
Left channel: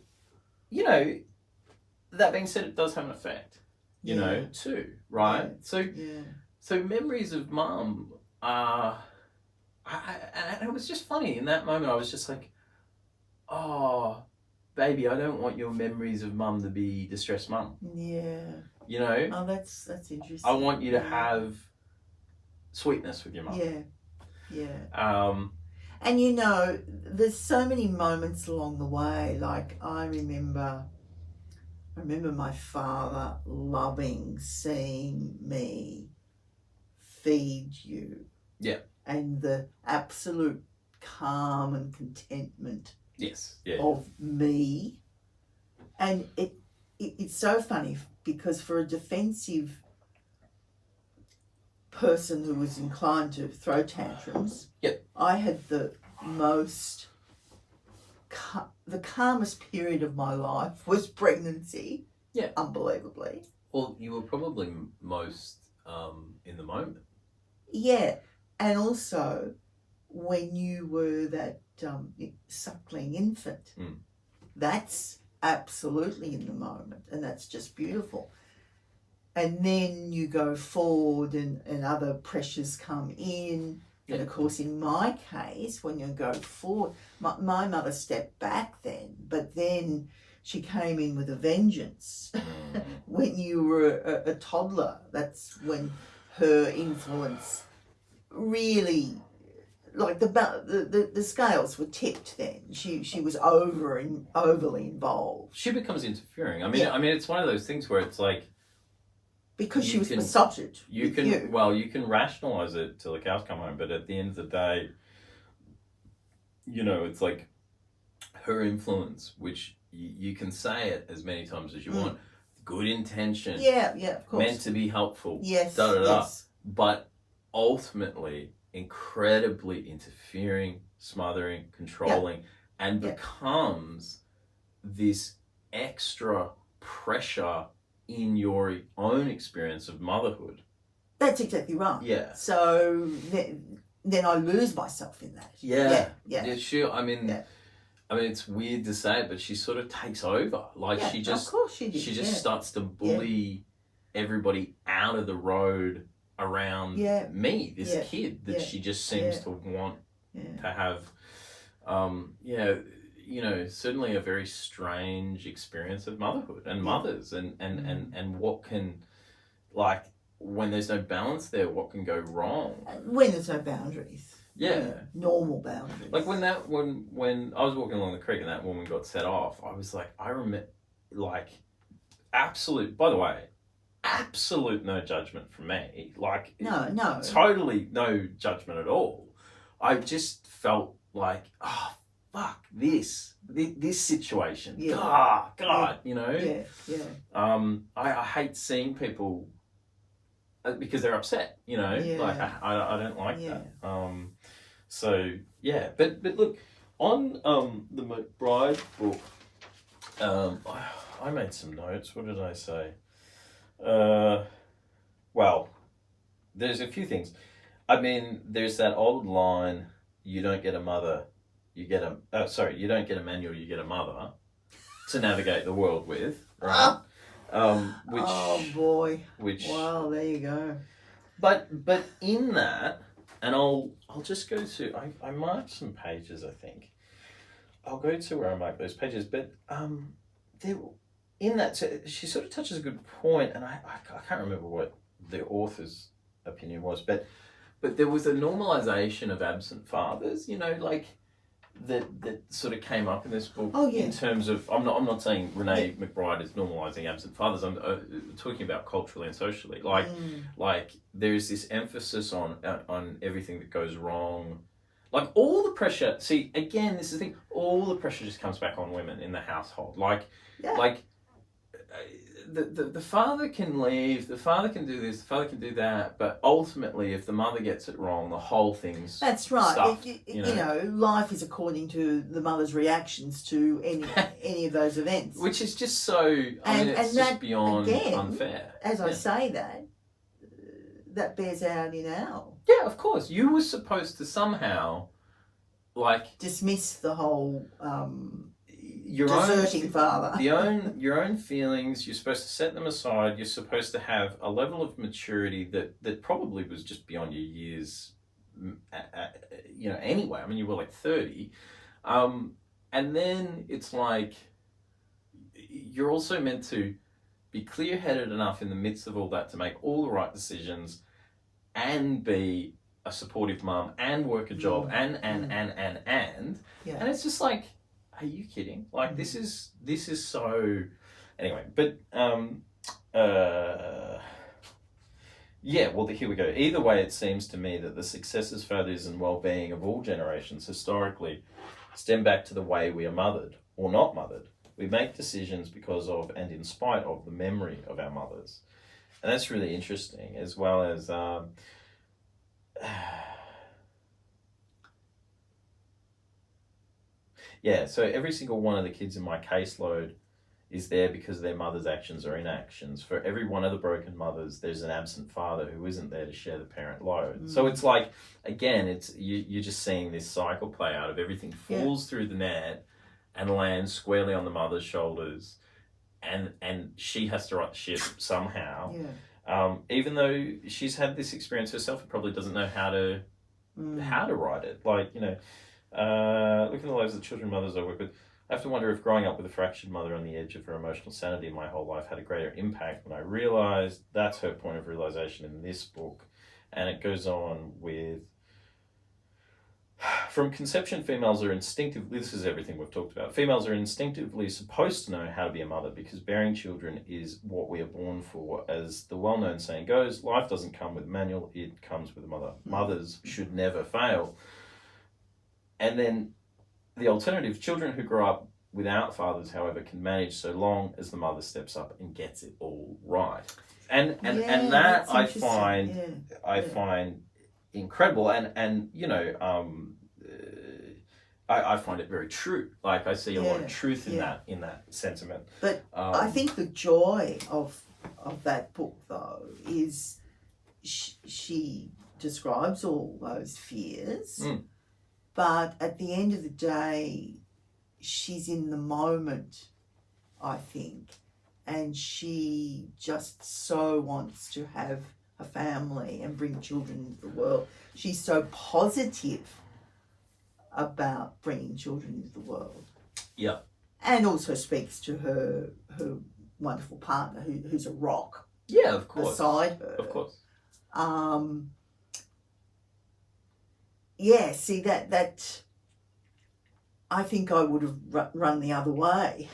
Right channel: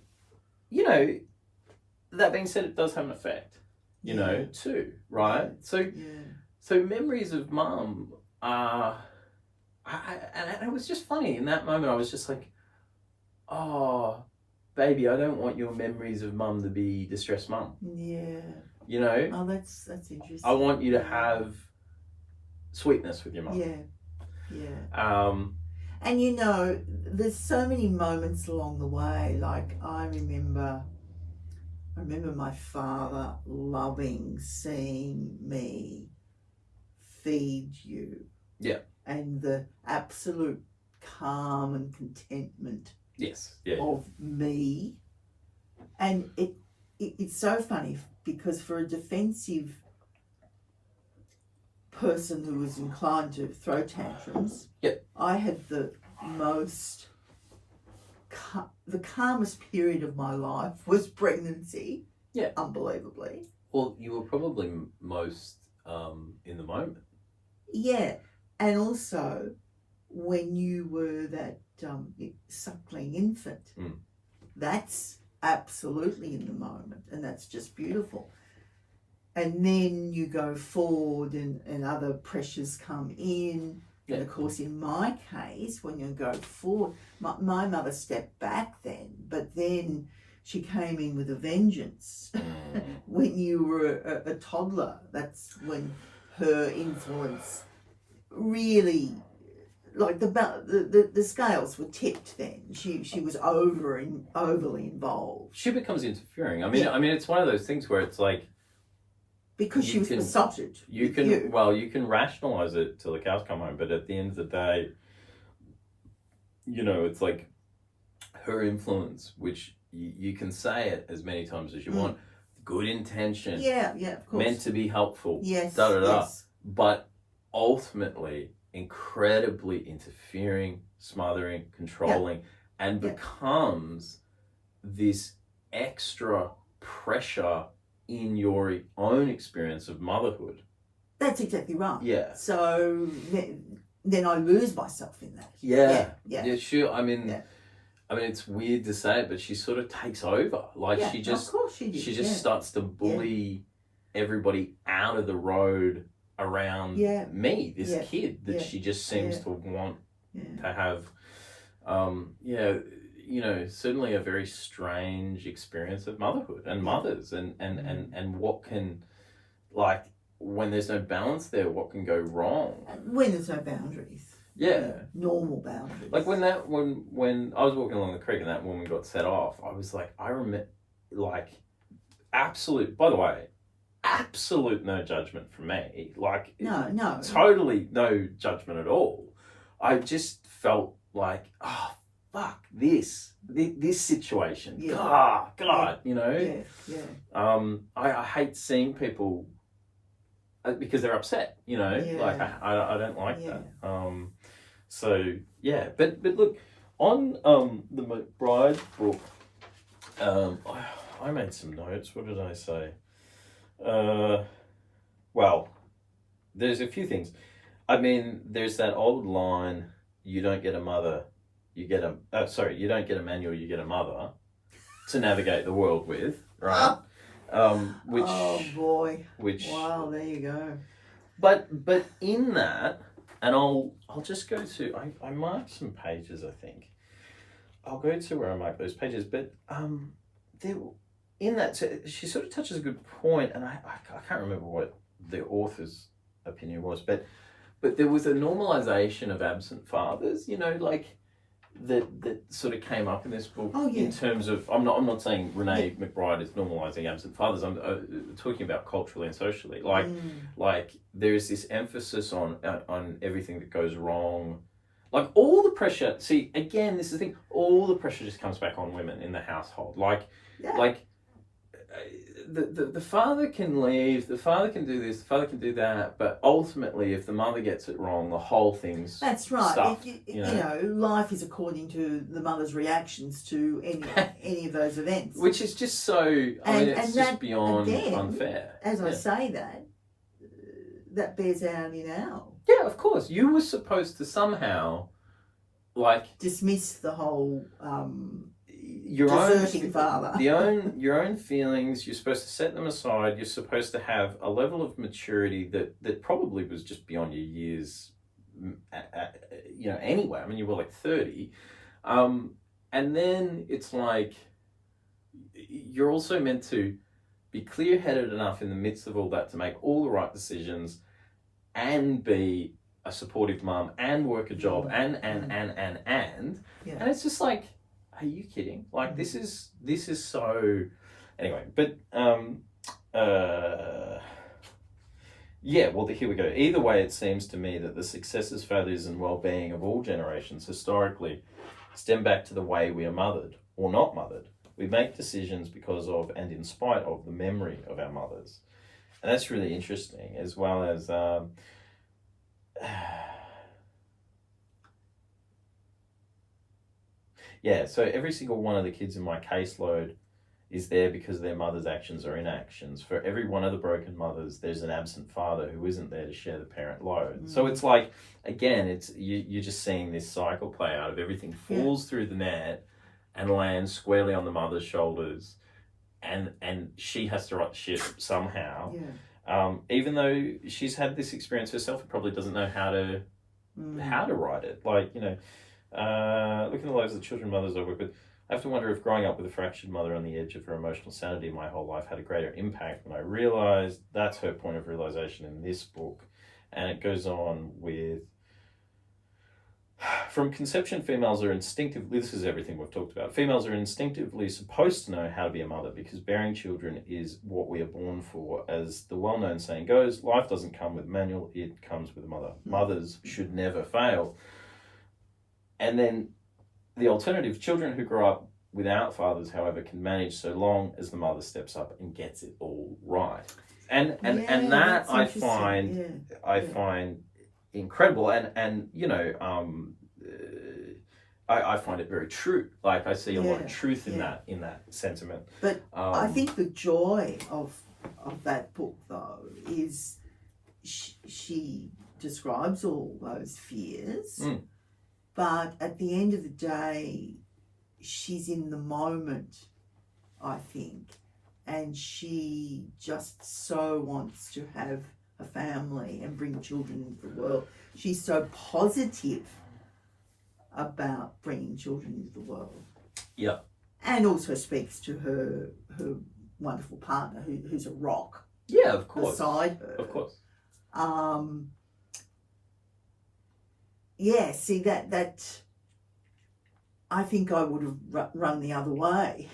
that being said, it does have an effect, too, right? Yeah. So memories of mum are... and it was just funny. In that moment, I was just like, oh, baby, I don't want your memories of mum to be distressed mum. Yeah. Oh, that's interesting. I want you to have sweetness with your mum. Yeah. Yeah. And there's so many moments along the way. Like, I remember my father loving seeing me feed you. Yeah. And the absolute calm and contentment of me. And it's so funny because for a defensive person who was inclined to throw tantrums, I had the calmest period of my life was pregnancy. Yeah. Unbelievably. Well, you were probably most in the moment. Yeah. And also when you were that suckling infant, that's absolutely in the moment, and that's just beautiful. And then you go forward and other pressures come in. Yeah. And of course, in my case, when you go forward, my mother stepped back then, but then she came in with a vengeance. When you were a toddler, that's when her influence really, like the scales were tipped then. She was overly involved. She becomes interfering. I mean, it's one of those things where it's like, because she was besotted. You can rationalize it till the cows come home, but at the end of the day, it's like her influence, which you can say it as many times as you want. Good intention. Yeah, of course. Meant to be helpful. Yes. Yes. But ultimately, incredibly interfering, smothering, controlling, and becomes this extra pressure in your own experience of motherhood. That's exactly right. Yeah. So then I lose myself in that. Yeah, sure. I mean, it's weird to say it, but she sort of takes over. Like she just, of course she did. She just starts to bully everybody out of the road around me, this kid that she just seems to want to have. Certainly a very strange experience of motherhood and mothers, and what can, like, when there's no balance there, what can go wrong? When there's no boundaries. Yeah. Normal boundaries. Like when I was walking along the creek and that woman got set off, I was like, I remember, like, absolute no judgment from me. Like, no. Totally no judgment at all. I just felt like, oh, fuck this situation. God, Yeah. I hate seeing people because they're upset, like I don't like that. But look, on the McBryde book, I made some notes. What did I say? Well, there's a few things. I mean, there's that old line, you don't get a mother, you get you don't get a manual, you get a mother to navigate the world with, right? Which, oh boy. Wow, there you go. But in that, and I'll just go to, I marked some pages, I think. I'll go to where I marked those pages, but in that, so she sort of touches a good point, and I can't remember what the author's opinion was, but there was a normalization of absent fathers, like that sort of came up in this book. In terms of, I'm not saying Renee McBryde is normalizing absent fathers. I'm talking about culturally and socially. Like there's this emphasis on everything that goes wrong. Like all the pressure. See, again, this is the thing. All the pressure just comes back on women in the household. Like the father can leave, the father can do this, the father can do that, but ultimately, if the mother gets it wrong, the whole thing's that's right. Stuffed, life is according to the mother's reactions to any of those events, which is just so. It's just beyond unfair. As I say that bears out in our. Yeah, of course. You were supposed to somehow, dismiss the whole. Your deserting father. Your own feelings, you're supposed to set them aside. You're supposed to have a level of maturity that probably was just beyond your years, anyway. I mean, you were like 30. And then it's like, you're also meant to be clear-headed enough in the midst of all that to make all the right decisions and be a supportive mum and work a job and. Yeah. And it's just like, are you kidding? Like this is so. Anyway, but well, here we go. Either way, it seems to me that the successes, failures, and well-being of all generations historically stem back to the way we are mothered or not mothered. We make decisions because of and in spite of the memory of our mothers, and that's really interesting, as well as. Yeah, so every single one of the kids in my caseload is there because their mother's actions or inactions. For every one of the broken mothers, there's an absent father who isn't there to share the parent load. So it's like, again, it's you're just seeing this cycle play out of everything falls through the net and lands squarely on the mother's shoulders, and she has to right the ship somehow. Yeah. Even though she's had this experience herself, and probably doesn't know how to write it. Looking at the lives of the children and mothers I work with, I have to wonder if growing up with a fractured mother on the edge of her emotional sanity my whole life had a greater impact when I realised. That's her point of realisation in this book. And it goes on with, From conception, females are instinctively, this is everything we've talked about, females are instinctively supposed to know how to be a mother because bearing children is what we are born for. As the well-known saying goes, life doesn't come with a manual, it comes with a mother. Mothers should never fail. And then the alternative, children who grow up without fathers, however, can manage so long as the mother steps up and gets it all right. And that I find incredible, and you know, I find it very true. Like I see a lot of truth in that sentiment. But I think the joy of that book, though, is she describes all those fears, but at the end of the day, she's in the moment, I think, and she just so wants to have a family and bring children into the world. She's so positive about bringing children into the world. Yeah. And also speaks to her wonderful partner who's a rock. Yeah, of course. Beside her. Of course. Yeah, see that I think I would have run the other way.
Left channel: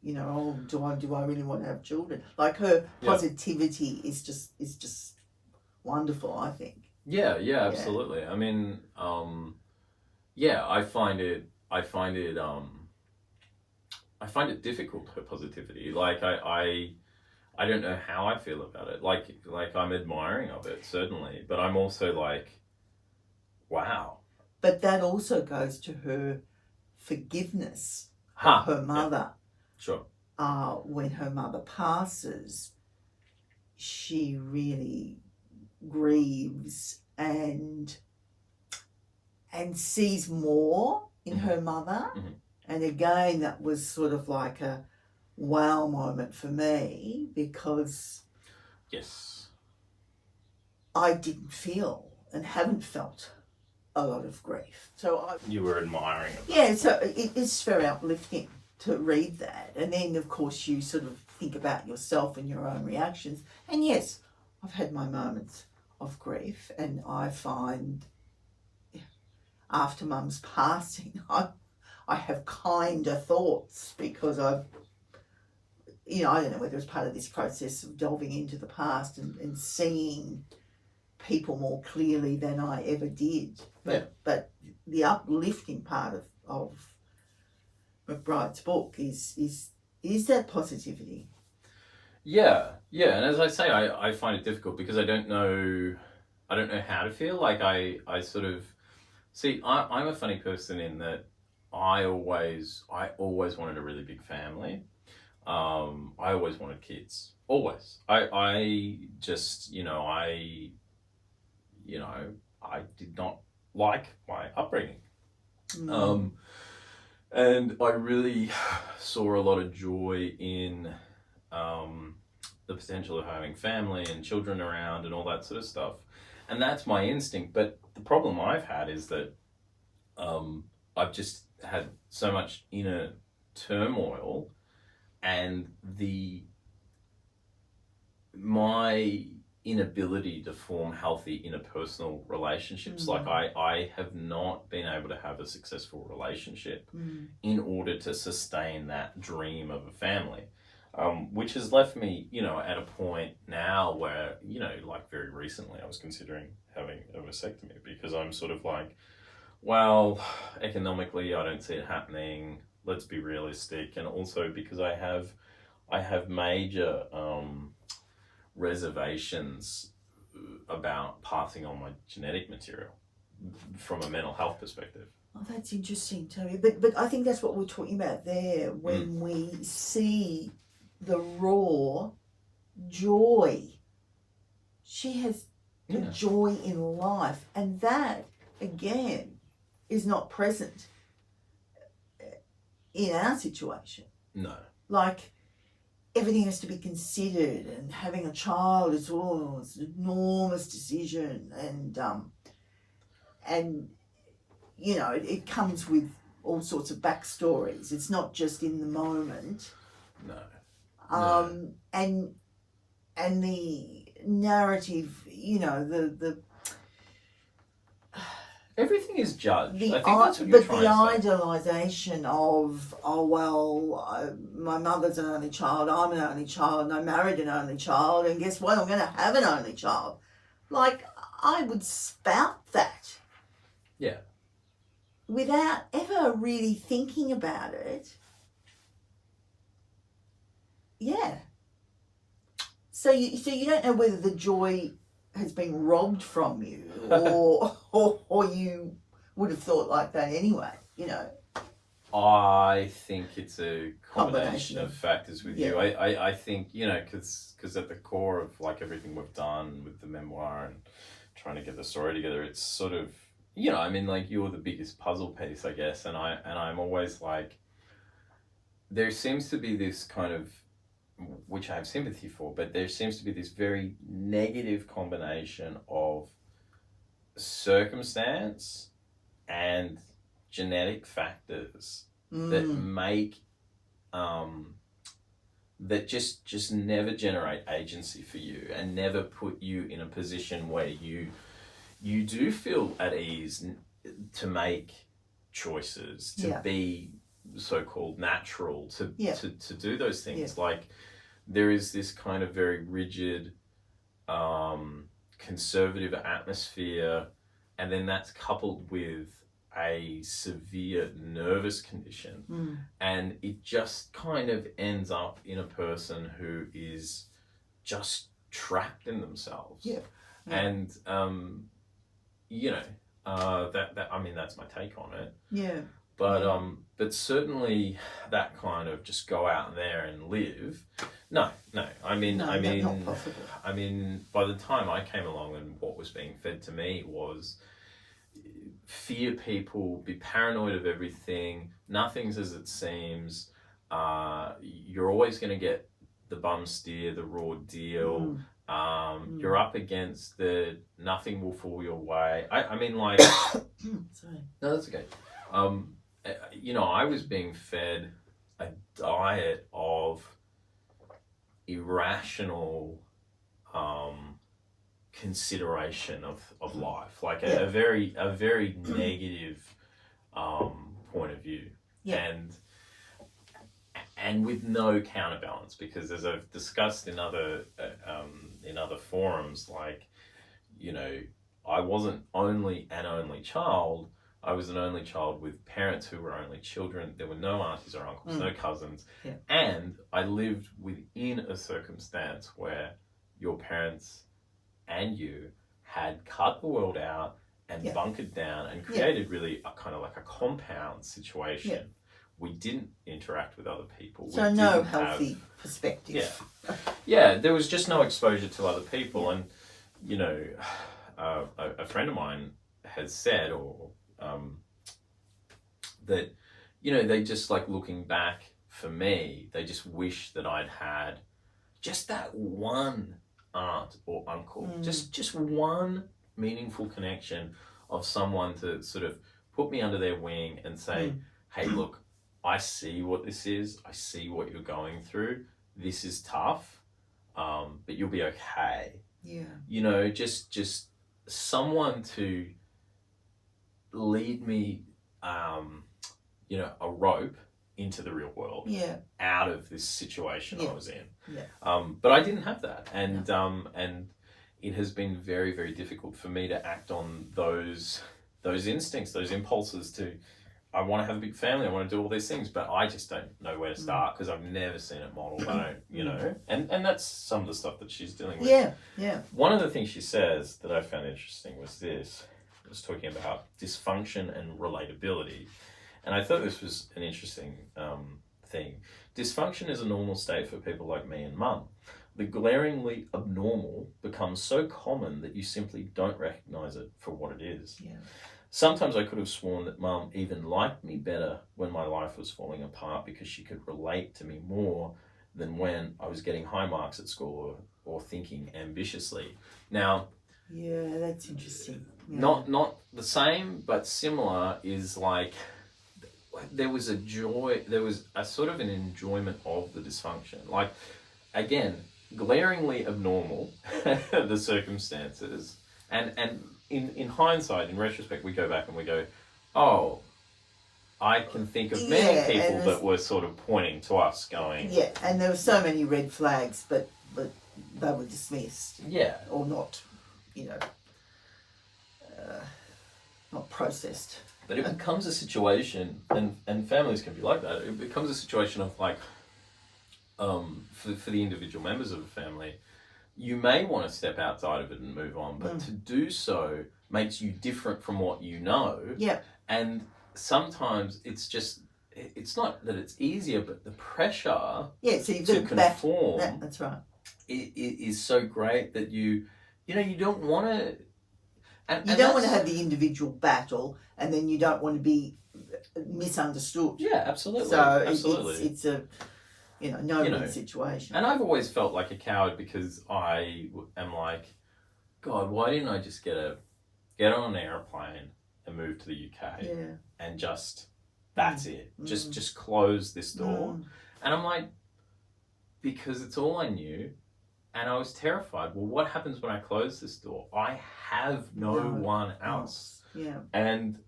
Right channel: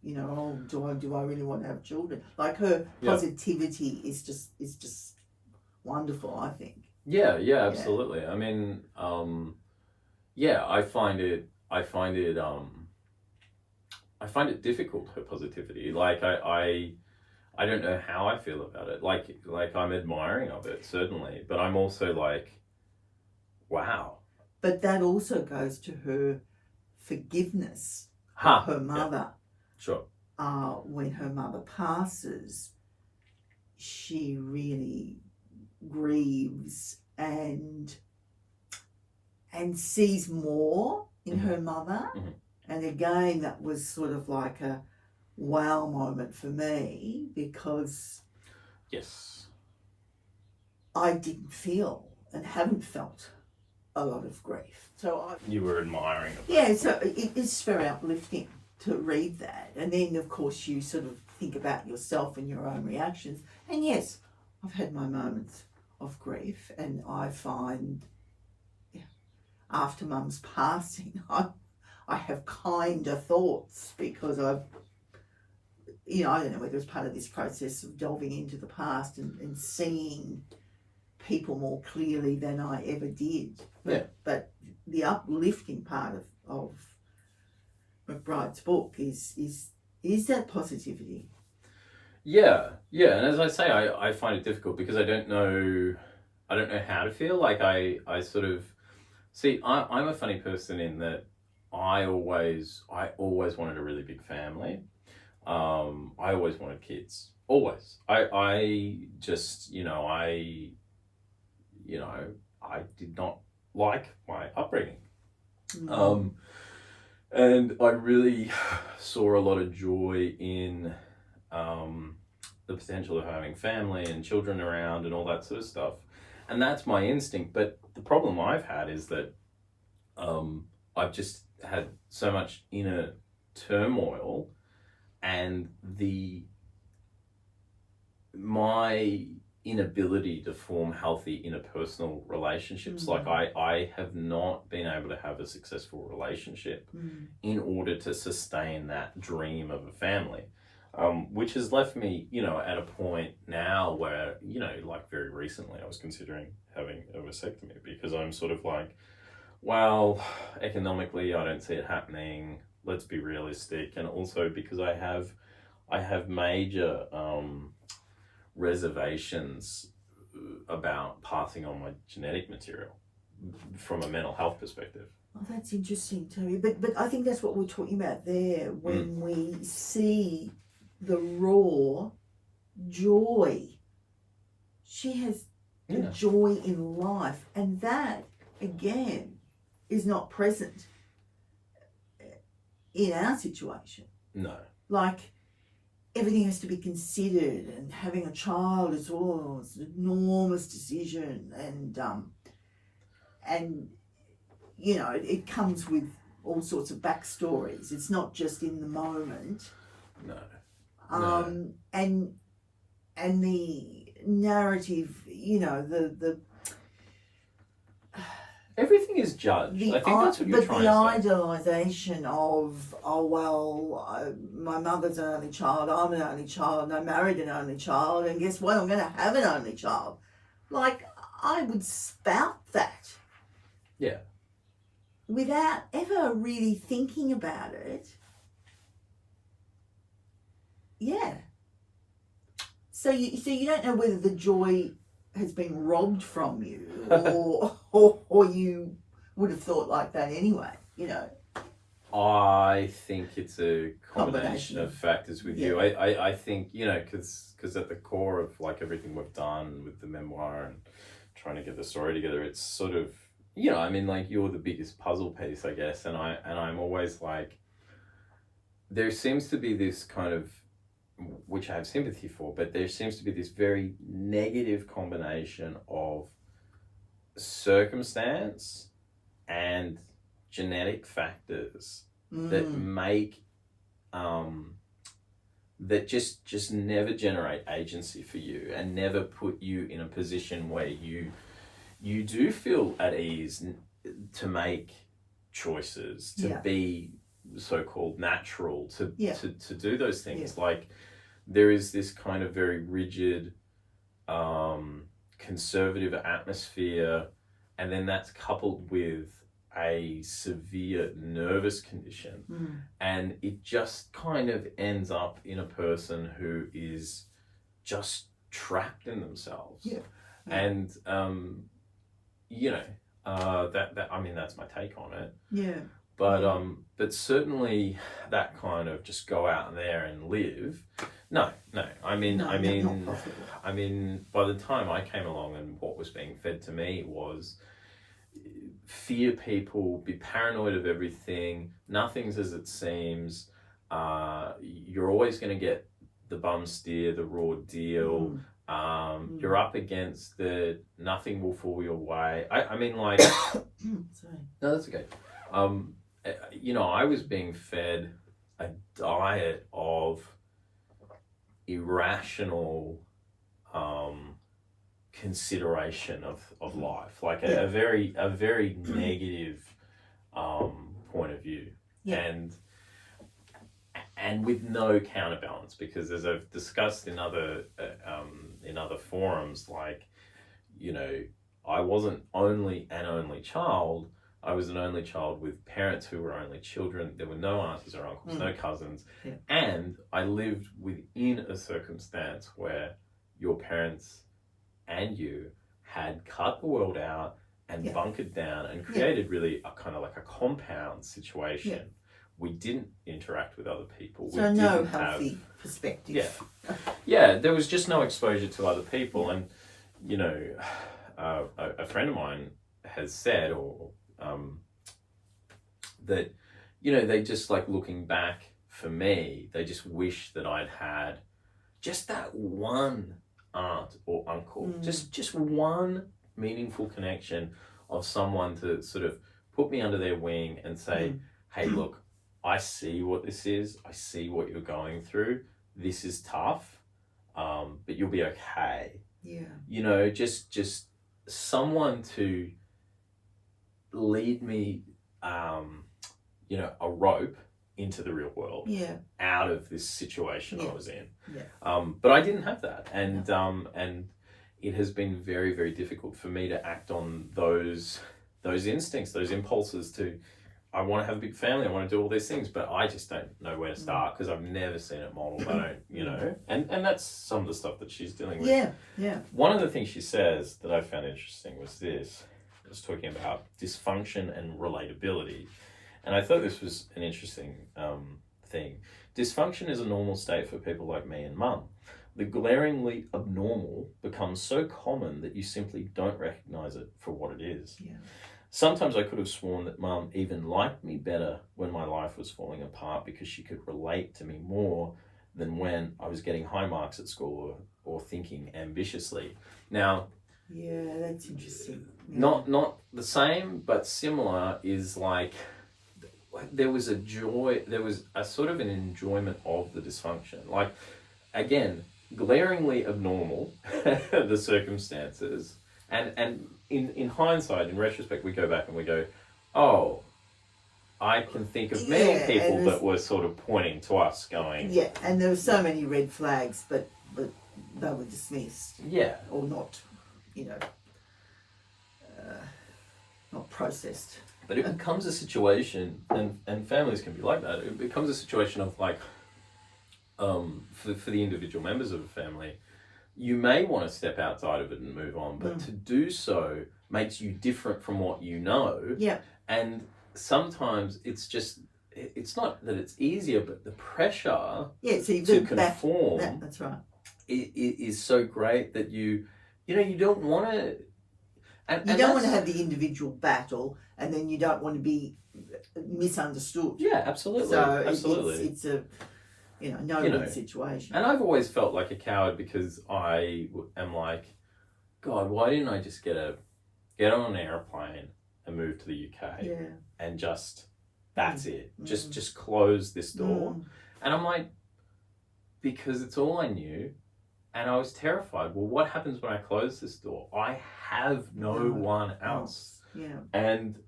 You know, do I really want to have children? Like her positivity is just wonderful, I think. Yeah, absolutely. I mean, I find it difficult, her positivity. Like I don't know how I feel about it. Like I'm admiring of it, certainly, but I'm also like, wow. But that also goes to her forgiveness of her mother. Yeah. Sure. When her mother passes, she really grieves and sees more in her mother. Mm-hmm. And again, that was sort of like a wow moment for me because I didn't feel and haven't felt a lot of grief. So you were admiring it. Yeah, so it's very uplifting to read that. And then, of course, you sort of think about yourself and your own reactions. And yes, I've had my moments of grief, and I find after Mum's passing, I have kinder thoughts because I don't know whether it's part of this process of delving into the past and seeing people more clearly than I ever did. But the uplifting part of McBryde's book is that positivity. Yeah, and as I say, I find it difficult because I don't know how to feel. Like I sort of see, I'm a funny person in that I always wanted a really big family. I always wanted kids. Always. I just, I did not like my upbringing. And I really saw a lot of joy in the potential of having family and children around and all that sort of stuff. And that's my instinct. But the problem I've had is that I've just had so much inner turmoil, and my inability to form healthy interpersonal relationships. Like I have not been able to have a successful relationship in order to sustain that dream of a family, which has left me, at a point now where, like very recently I was considering having a vasectomy because I'm sort of like, well, economically I don't see it happening. Let's be realistic. And also because I have major reservations about passing on my genetic material from a mental health perspective. Oh, that's interesting too. But I think that's what we're talking about there when we see the raw joy. She has the joy in life, and that again is not present in our situation. No. Like everything has to be considered, and having a child is it's an enormous decision, and it comes with all sorts of backstories. It's not just in the moment. No. And the narrative, the everything is judged. I think that's what you're trying to say. But the idealisation of, my mother's an only child, I'm an only child, and I married an only child, and guess what? I'm going to have an only child. Like, I would spout that. Yeah. Without ever really thinking about it. Yeah. So you don't know whether the joy has been robbed from you or you would have thought like that anyway, you know. I think it's a combination of factors with you. I think, you know, because at the core of like everything we've done with the memoir and trying to get the story together, it's sort of, you know, I mean, like, you're the biggest puzzle piece, I guess, and I'm always like, there seems to be this kind of, which I have sympathy for, but there seems to be this very negative combination of circumstance and genetic factors that make that just never generate agency for you and never put you in a position where you do feel at ease to make choices, to be so-called natural, to do those things. Like, there is this kind of very rigid, conservative atmosphere, and then that's coupled with a severe nervous condition, and it just kind of ends up in a person who is just trapped in themselves. And you know, that I mean, that's my take on it. But certainly that kind of just go out there and live. No. I mean, not possible. I mean, by the time I came along and what was being fed to me was fear people, be paranoid of everything, nothing's as it seems, you're always going to get the bum steer, the raw deal, you're up against the nothing will fall your way. I mean, like, sorry. No, that's okay. You know, I was being fed a diet of irrational consideration of life, like a very negative point of view, and with no counterbalance, because as I've discussed in other forums, like, you know, I wasn't only an only child, I was an only child with parents who were only children. There were no aunties or uncles, no cousins. And I lived within a circumstance where your parents and you had cut the world out and bunkered down and created really a kind of like a compound situation. We didn't interact with other people. So no healthy perspective. There was just no exposure to other people. And, you know, a friend of mine has said, that, you know, they just, like, looking back for me, they just wish that I'd had just that one aunt or uncle, just one meaningful connection of someone to sort of put me under their wing and say, hey, look, I see what this is. I see what you're going through. This is tough, but you'll be okay. You know, just someone to lead me, you know, a rope into the real world, out of this situation I was in. But I didn't have that, and it has been very, very difficult for me to act on those instincts, those impulses to, I want to have a big family, I want to do all these things, but I just don't know where to start because I've never seen it modeled. I don't, you know, and that's some of the stuff that she's dealing with. One of the things she says that I found interesting was this. I was talking about dysfunction and relatability, and I thought this was an interesting thing. Dysfunction is a normal state for people like me and Mum. The glaringly abnormal becomes so common that you simply don't recognize it for what it is. Sometimes I could have sworn that Mum even liked me better when my life was falling apart because she could relate to me more than when I was getting high marks at school or thinking ambitiously. Now, that's interesting. Not the same, but similar is like there was a joy, there was a sort of an enjoyment of the dysfunction. Like, again, glaringly abnormal, the circumstances, And in hindsight, in retrospect, we go back and we go, oh, I can think of many people that were sort of pointing to us going... Yeah, and there were so many red flags, but they were dismissed. Yeah. Or not, not processed. But it becomes a situation, and families can be like that, it becomes a situation of like, for the individual members of a family, you may want to step outside of it and move on, but to do so makes you different from what you know. Yeah. And sometimes it's not that it's easier, but the pressure to conform that's right. Is so great that you don't want to... You don't want to have the individual battle, and then you don't want to be misunderstood. Yeah, absolutely. So absolutely. It's a no-win situation. And I've always felt like a coward because I am like, God, why didn't I just get on an airplane and move to the UK and just that's it, just close this door? And I'm like, because it's all I knew. And I was terrified. Well, what happens when I close this door? I have no one else. Yeah. And,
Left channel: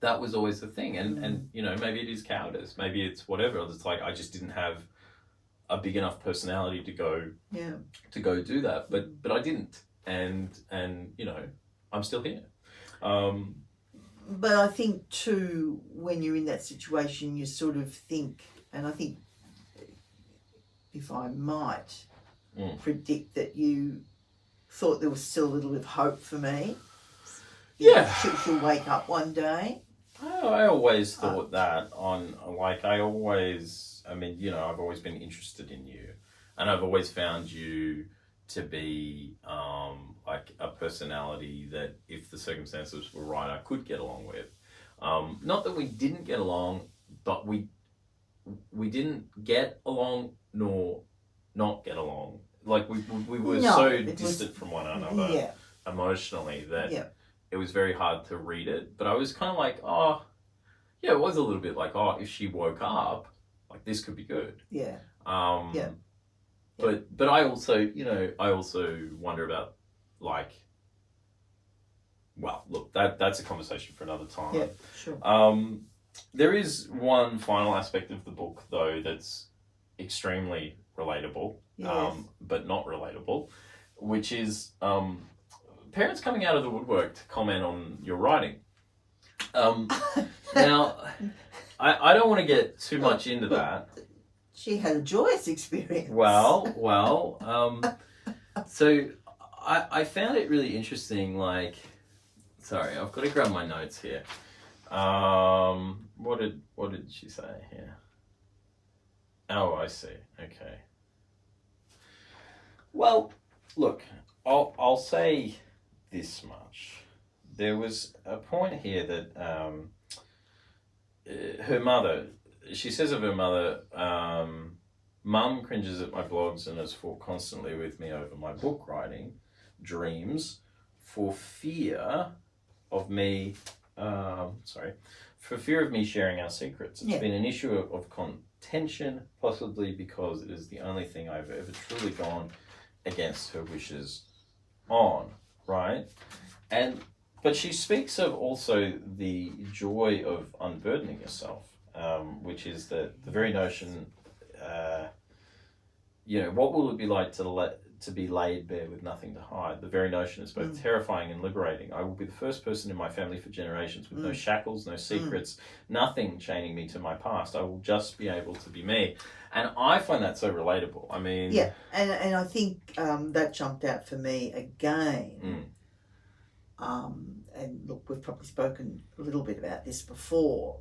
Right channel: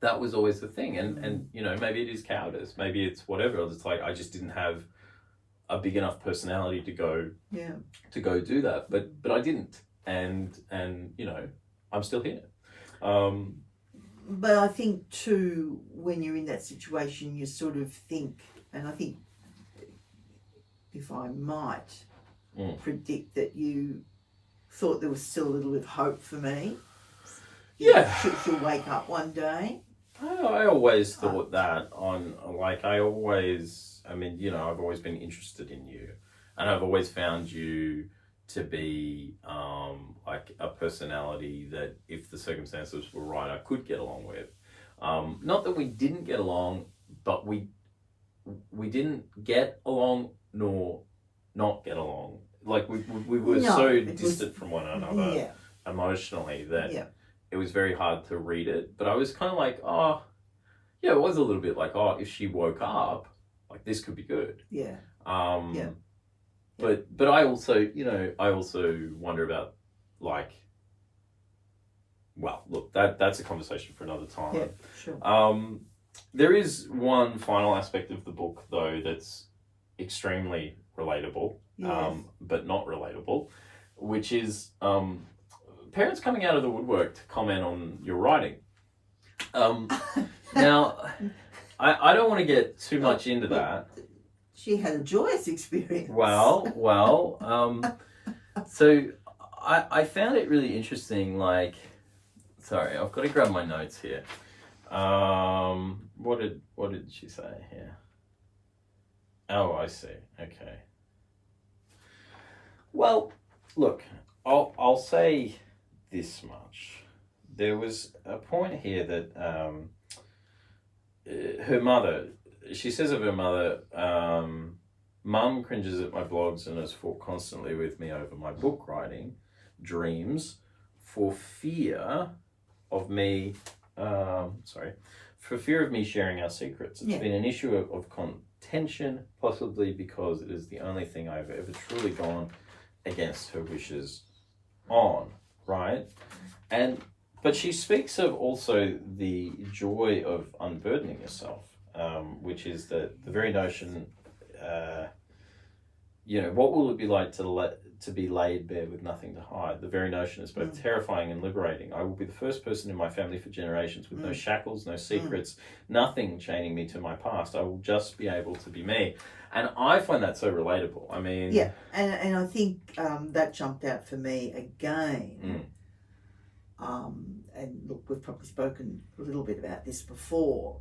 that was always the thing. And maybe it is cowardice. Maybe it's whatever. It's like I just didn't have a big enough personality to go do that. But I didn't. And I'm still here. But I think too, when you're in that situation, you sort of think, and I think if I might predict that you thought there was still a little bit of hope for me. Yeah. She'll wake up one day. I always thought that I've always been interested in you, and I've always found you to be like a personality that if the circumstances were right, I could get along with. Not that we didn't get along, but we didn't get along nor not get along. Like we were so distant from one another emotionally that it was very hard to read it. But I was kind of like, it was a little bit like, if she woke up, like this could be good. Yeah. But I also, I also wonder about like, well, look, that's a conversation for another time. Yeah, sure. There is one final aspect of the book though that's extremely relatable, but not relatable, which is parents coming out of the woodwork to comment on your writing. Now, I don't want to get too much into that. She had a joyous experience. Well, so I found it really interesting, like, sorry, I've got to grab my notes here. What did she say here? Oh, I see. Okay. Well, look, I'll say this much. There was a point here that her mother, she says of her mother, Mum cringes at my blogs and has fought constantly with me over my book writing dreams for fear of me, for fear of me sharing our secrets. It's been an issue of contention, possibly because it is the only thing I've ever truly gone against her wishes on, right? But she speaks of also the joy of unburdening yourself, which is the very notion, what will it be like to be laid bare with nothing to hide? The very notion is both terrifying and liberating. I will be the first person in my family for generations with no shackles, no secrets, nothing chaining me to my past. I will just be able to be me. And I find that so relatable. I mean... Yeah, and I think that jumped out for me again. And look, we've probably spoken a little bit about this before.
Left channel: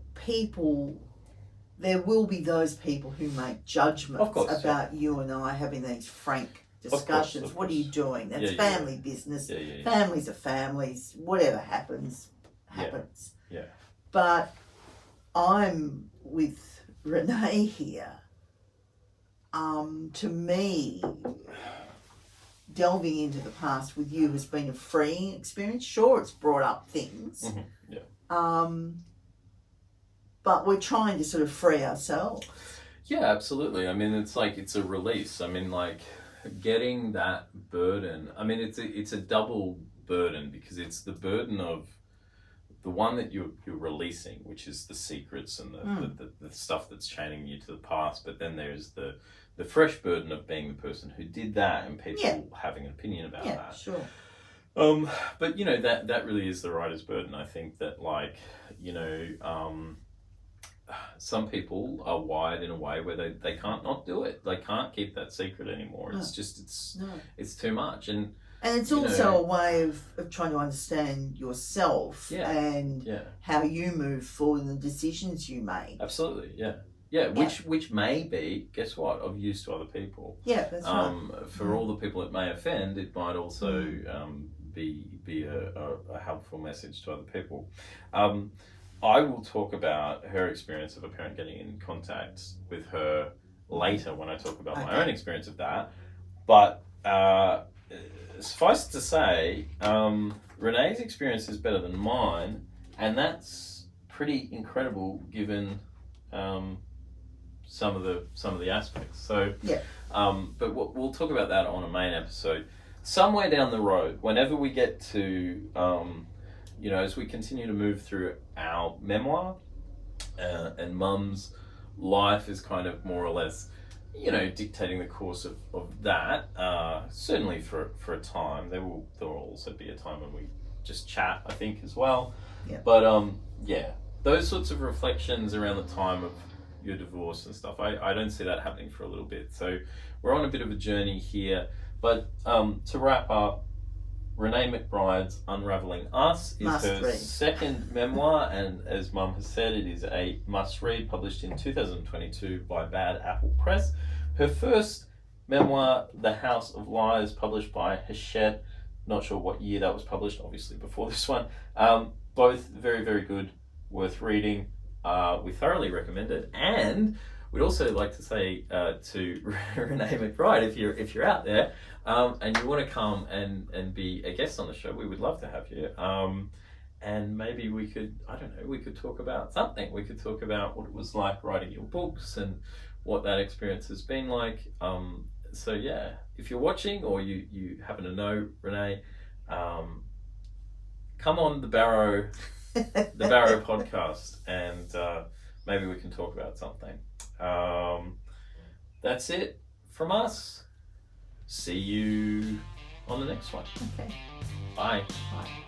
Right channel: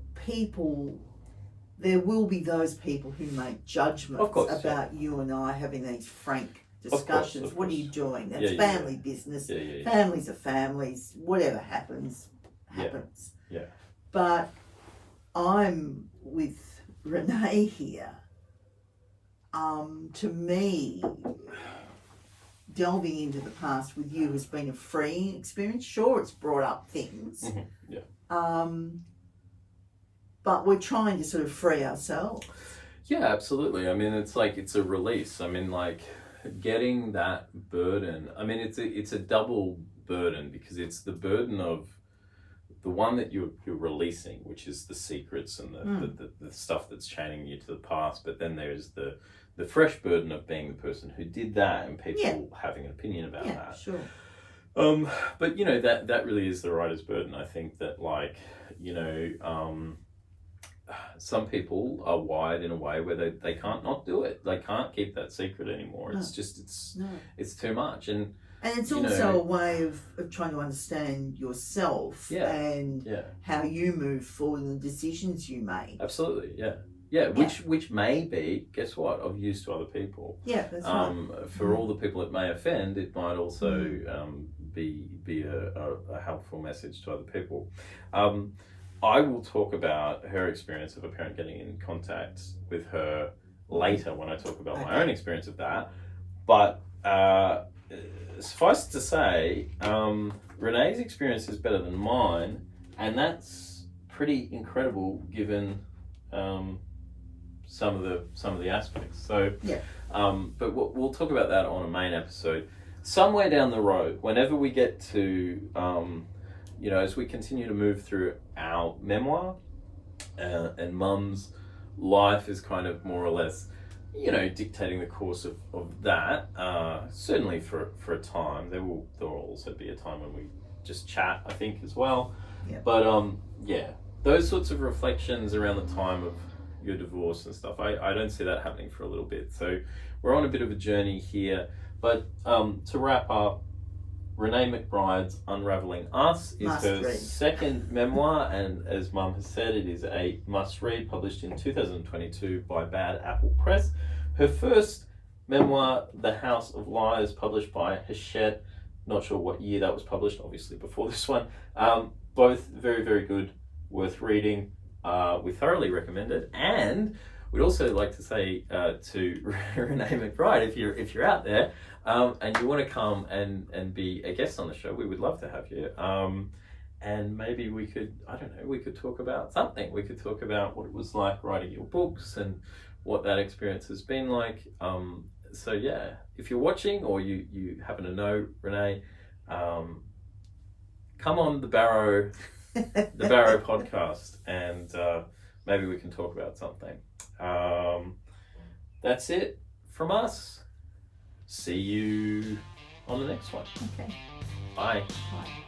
There will be those people who make judgments about you and I having these frank discussions. What are you doing? That's family business. Families are families. Whatever happens, happens. Yeah. But I'm with Renee here. To me, delving into the past with you has been a freeing experience. Sure, it's brought up things. But we're trying to sort of free ourselves. Yeah, absolutely. I mean, it's like, it's a release. I mean, like, getting that burden. I mean, it's a double burden, because it's the burden of the one that you're releasing, which is the secrets and the stuff that's chaining you to the past. But then there's the fresh burden of being the person who did that, and people having an opinion about that. Sure. But you know, that really is the writer's burden. I think that, like, you know, some people are wired in a way where they can't not do it. They can't keep that secret anymore. No. It's just it's too much. And it's also a way of trying to understand yourself and how you move forward and the decisions you make. Absolutely, yeah. Which may be, guess what, of use to other people. Yeah, that's right. For all the people it may offend, it might also be a helpful message to other people. I will talk about her experience of a parent getting in contact with her later when I talk about my own experience of that. But suffice to say, Renee's experience is better than mine, and that's pretty incredible given some of the aspects. So, but we'll talk about that on a main episode somewhere down the road. Whenever we get to, you know, as we continue to move through our memoir, and Mum's life is kind of more or less, you know, dictating the course of that. Certainly for a time. There will also be a time when we just chat, I think, as well. Yeah. But those sorts of reflections around the time of your divorce and stuff, I don't see that happening for a little bit. So we're on a bit of a journey here. But to wrap up, Renee McBryde's Unravelling Us is her second memoir, and as Mum has said, it is a must-read, published in 2022 by Bad Apple Press. Her first memoir, The House of Lies, published by Hachette. Not sure what year that was published, obviously before this one. Both very, very good, worth reading. We thoroughly recommend it. And we'd also like to say to Renee McBryde, if you're out there and you want to come and be a guest on the show, we would love to have you. And maybe we could talk about something. We could talk about what it was like writing your books and what that experience has been like. So yeah, if you're watching or you happen to know Renee, come on the BARROW podcast, and maybe we can talk about something. That's it from us. See you on the next one. Okay. Bye. Bye.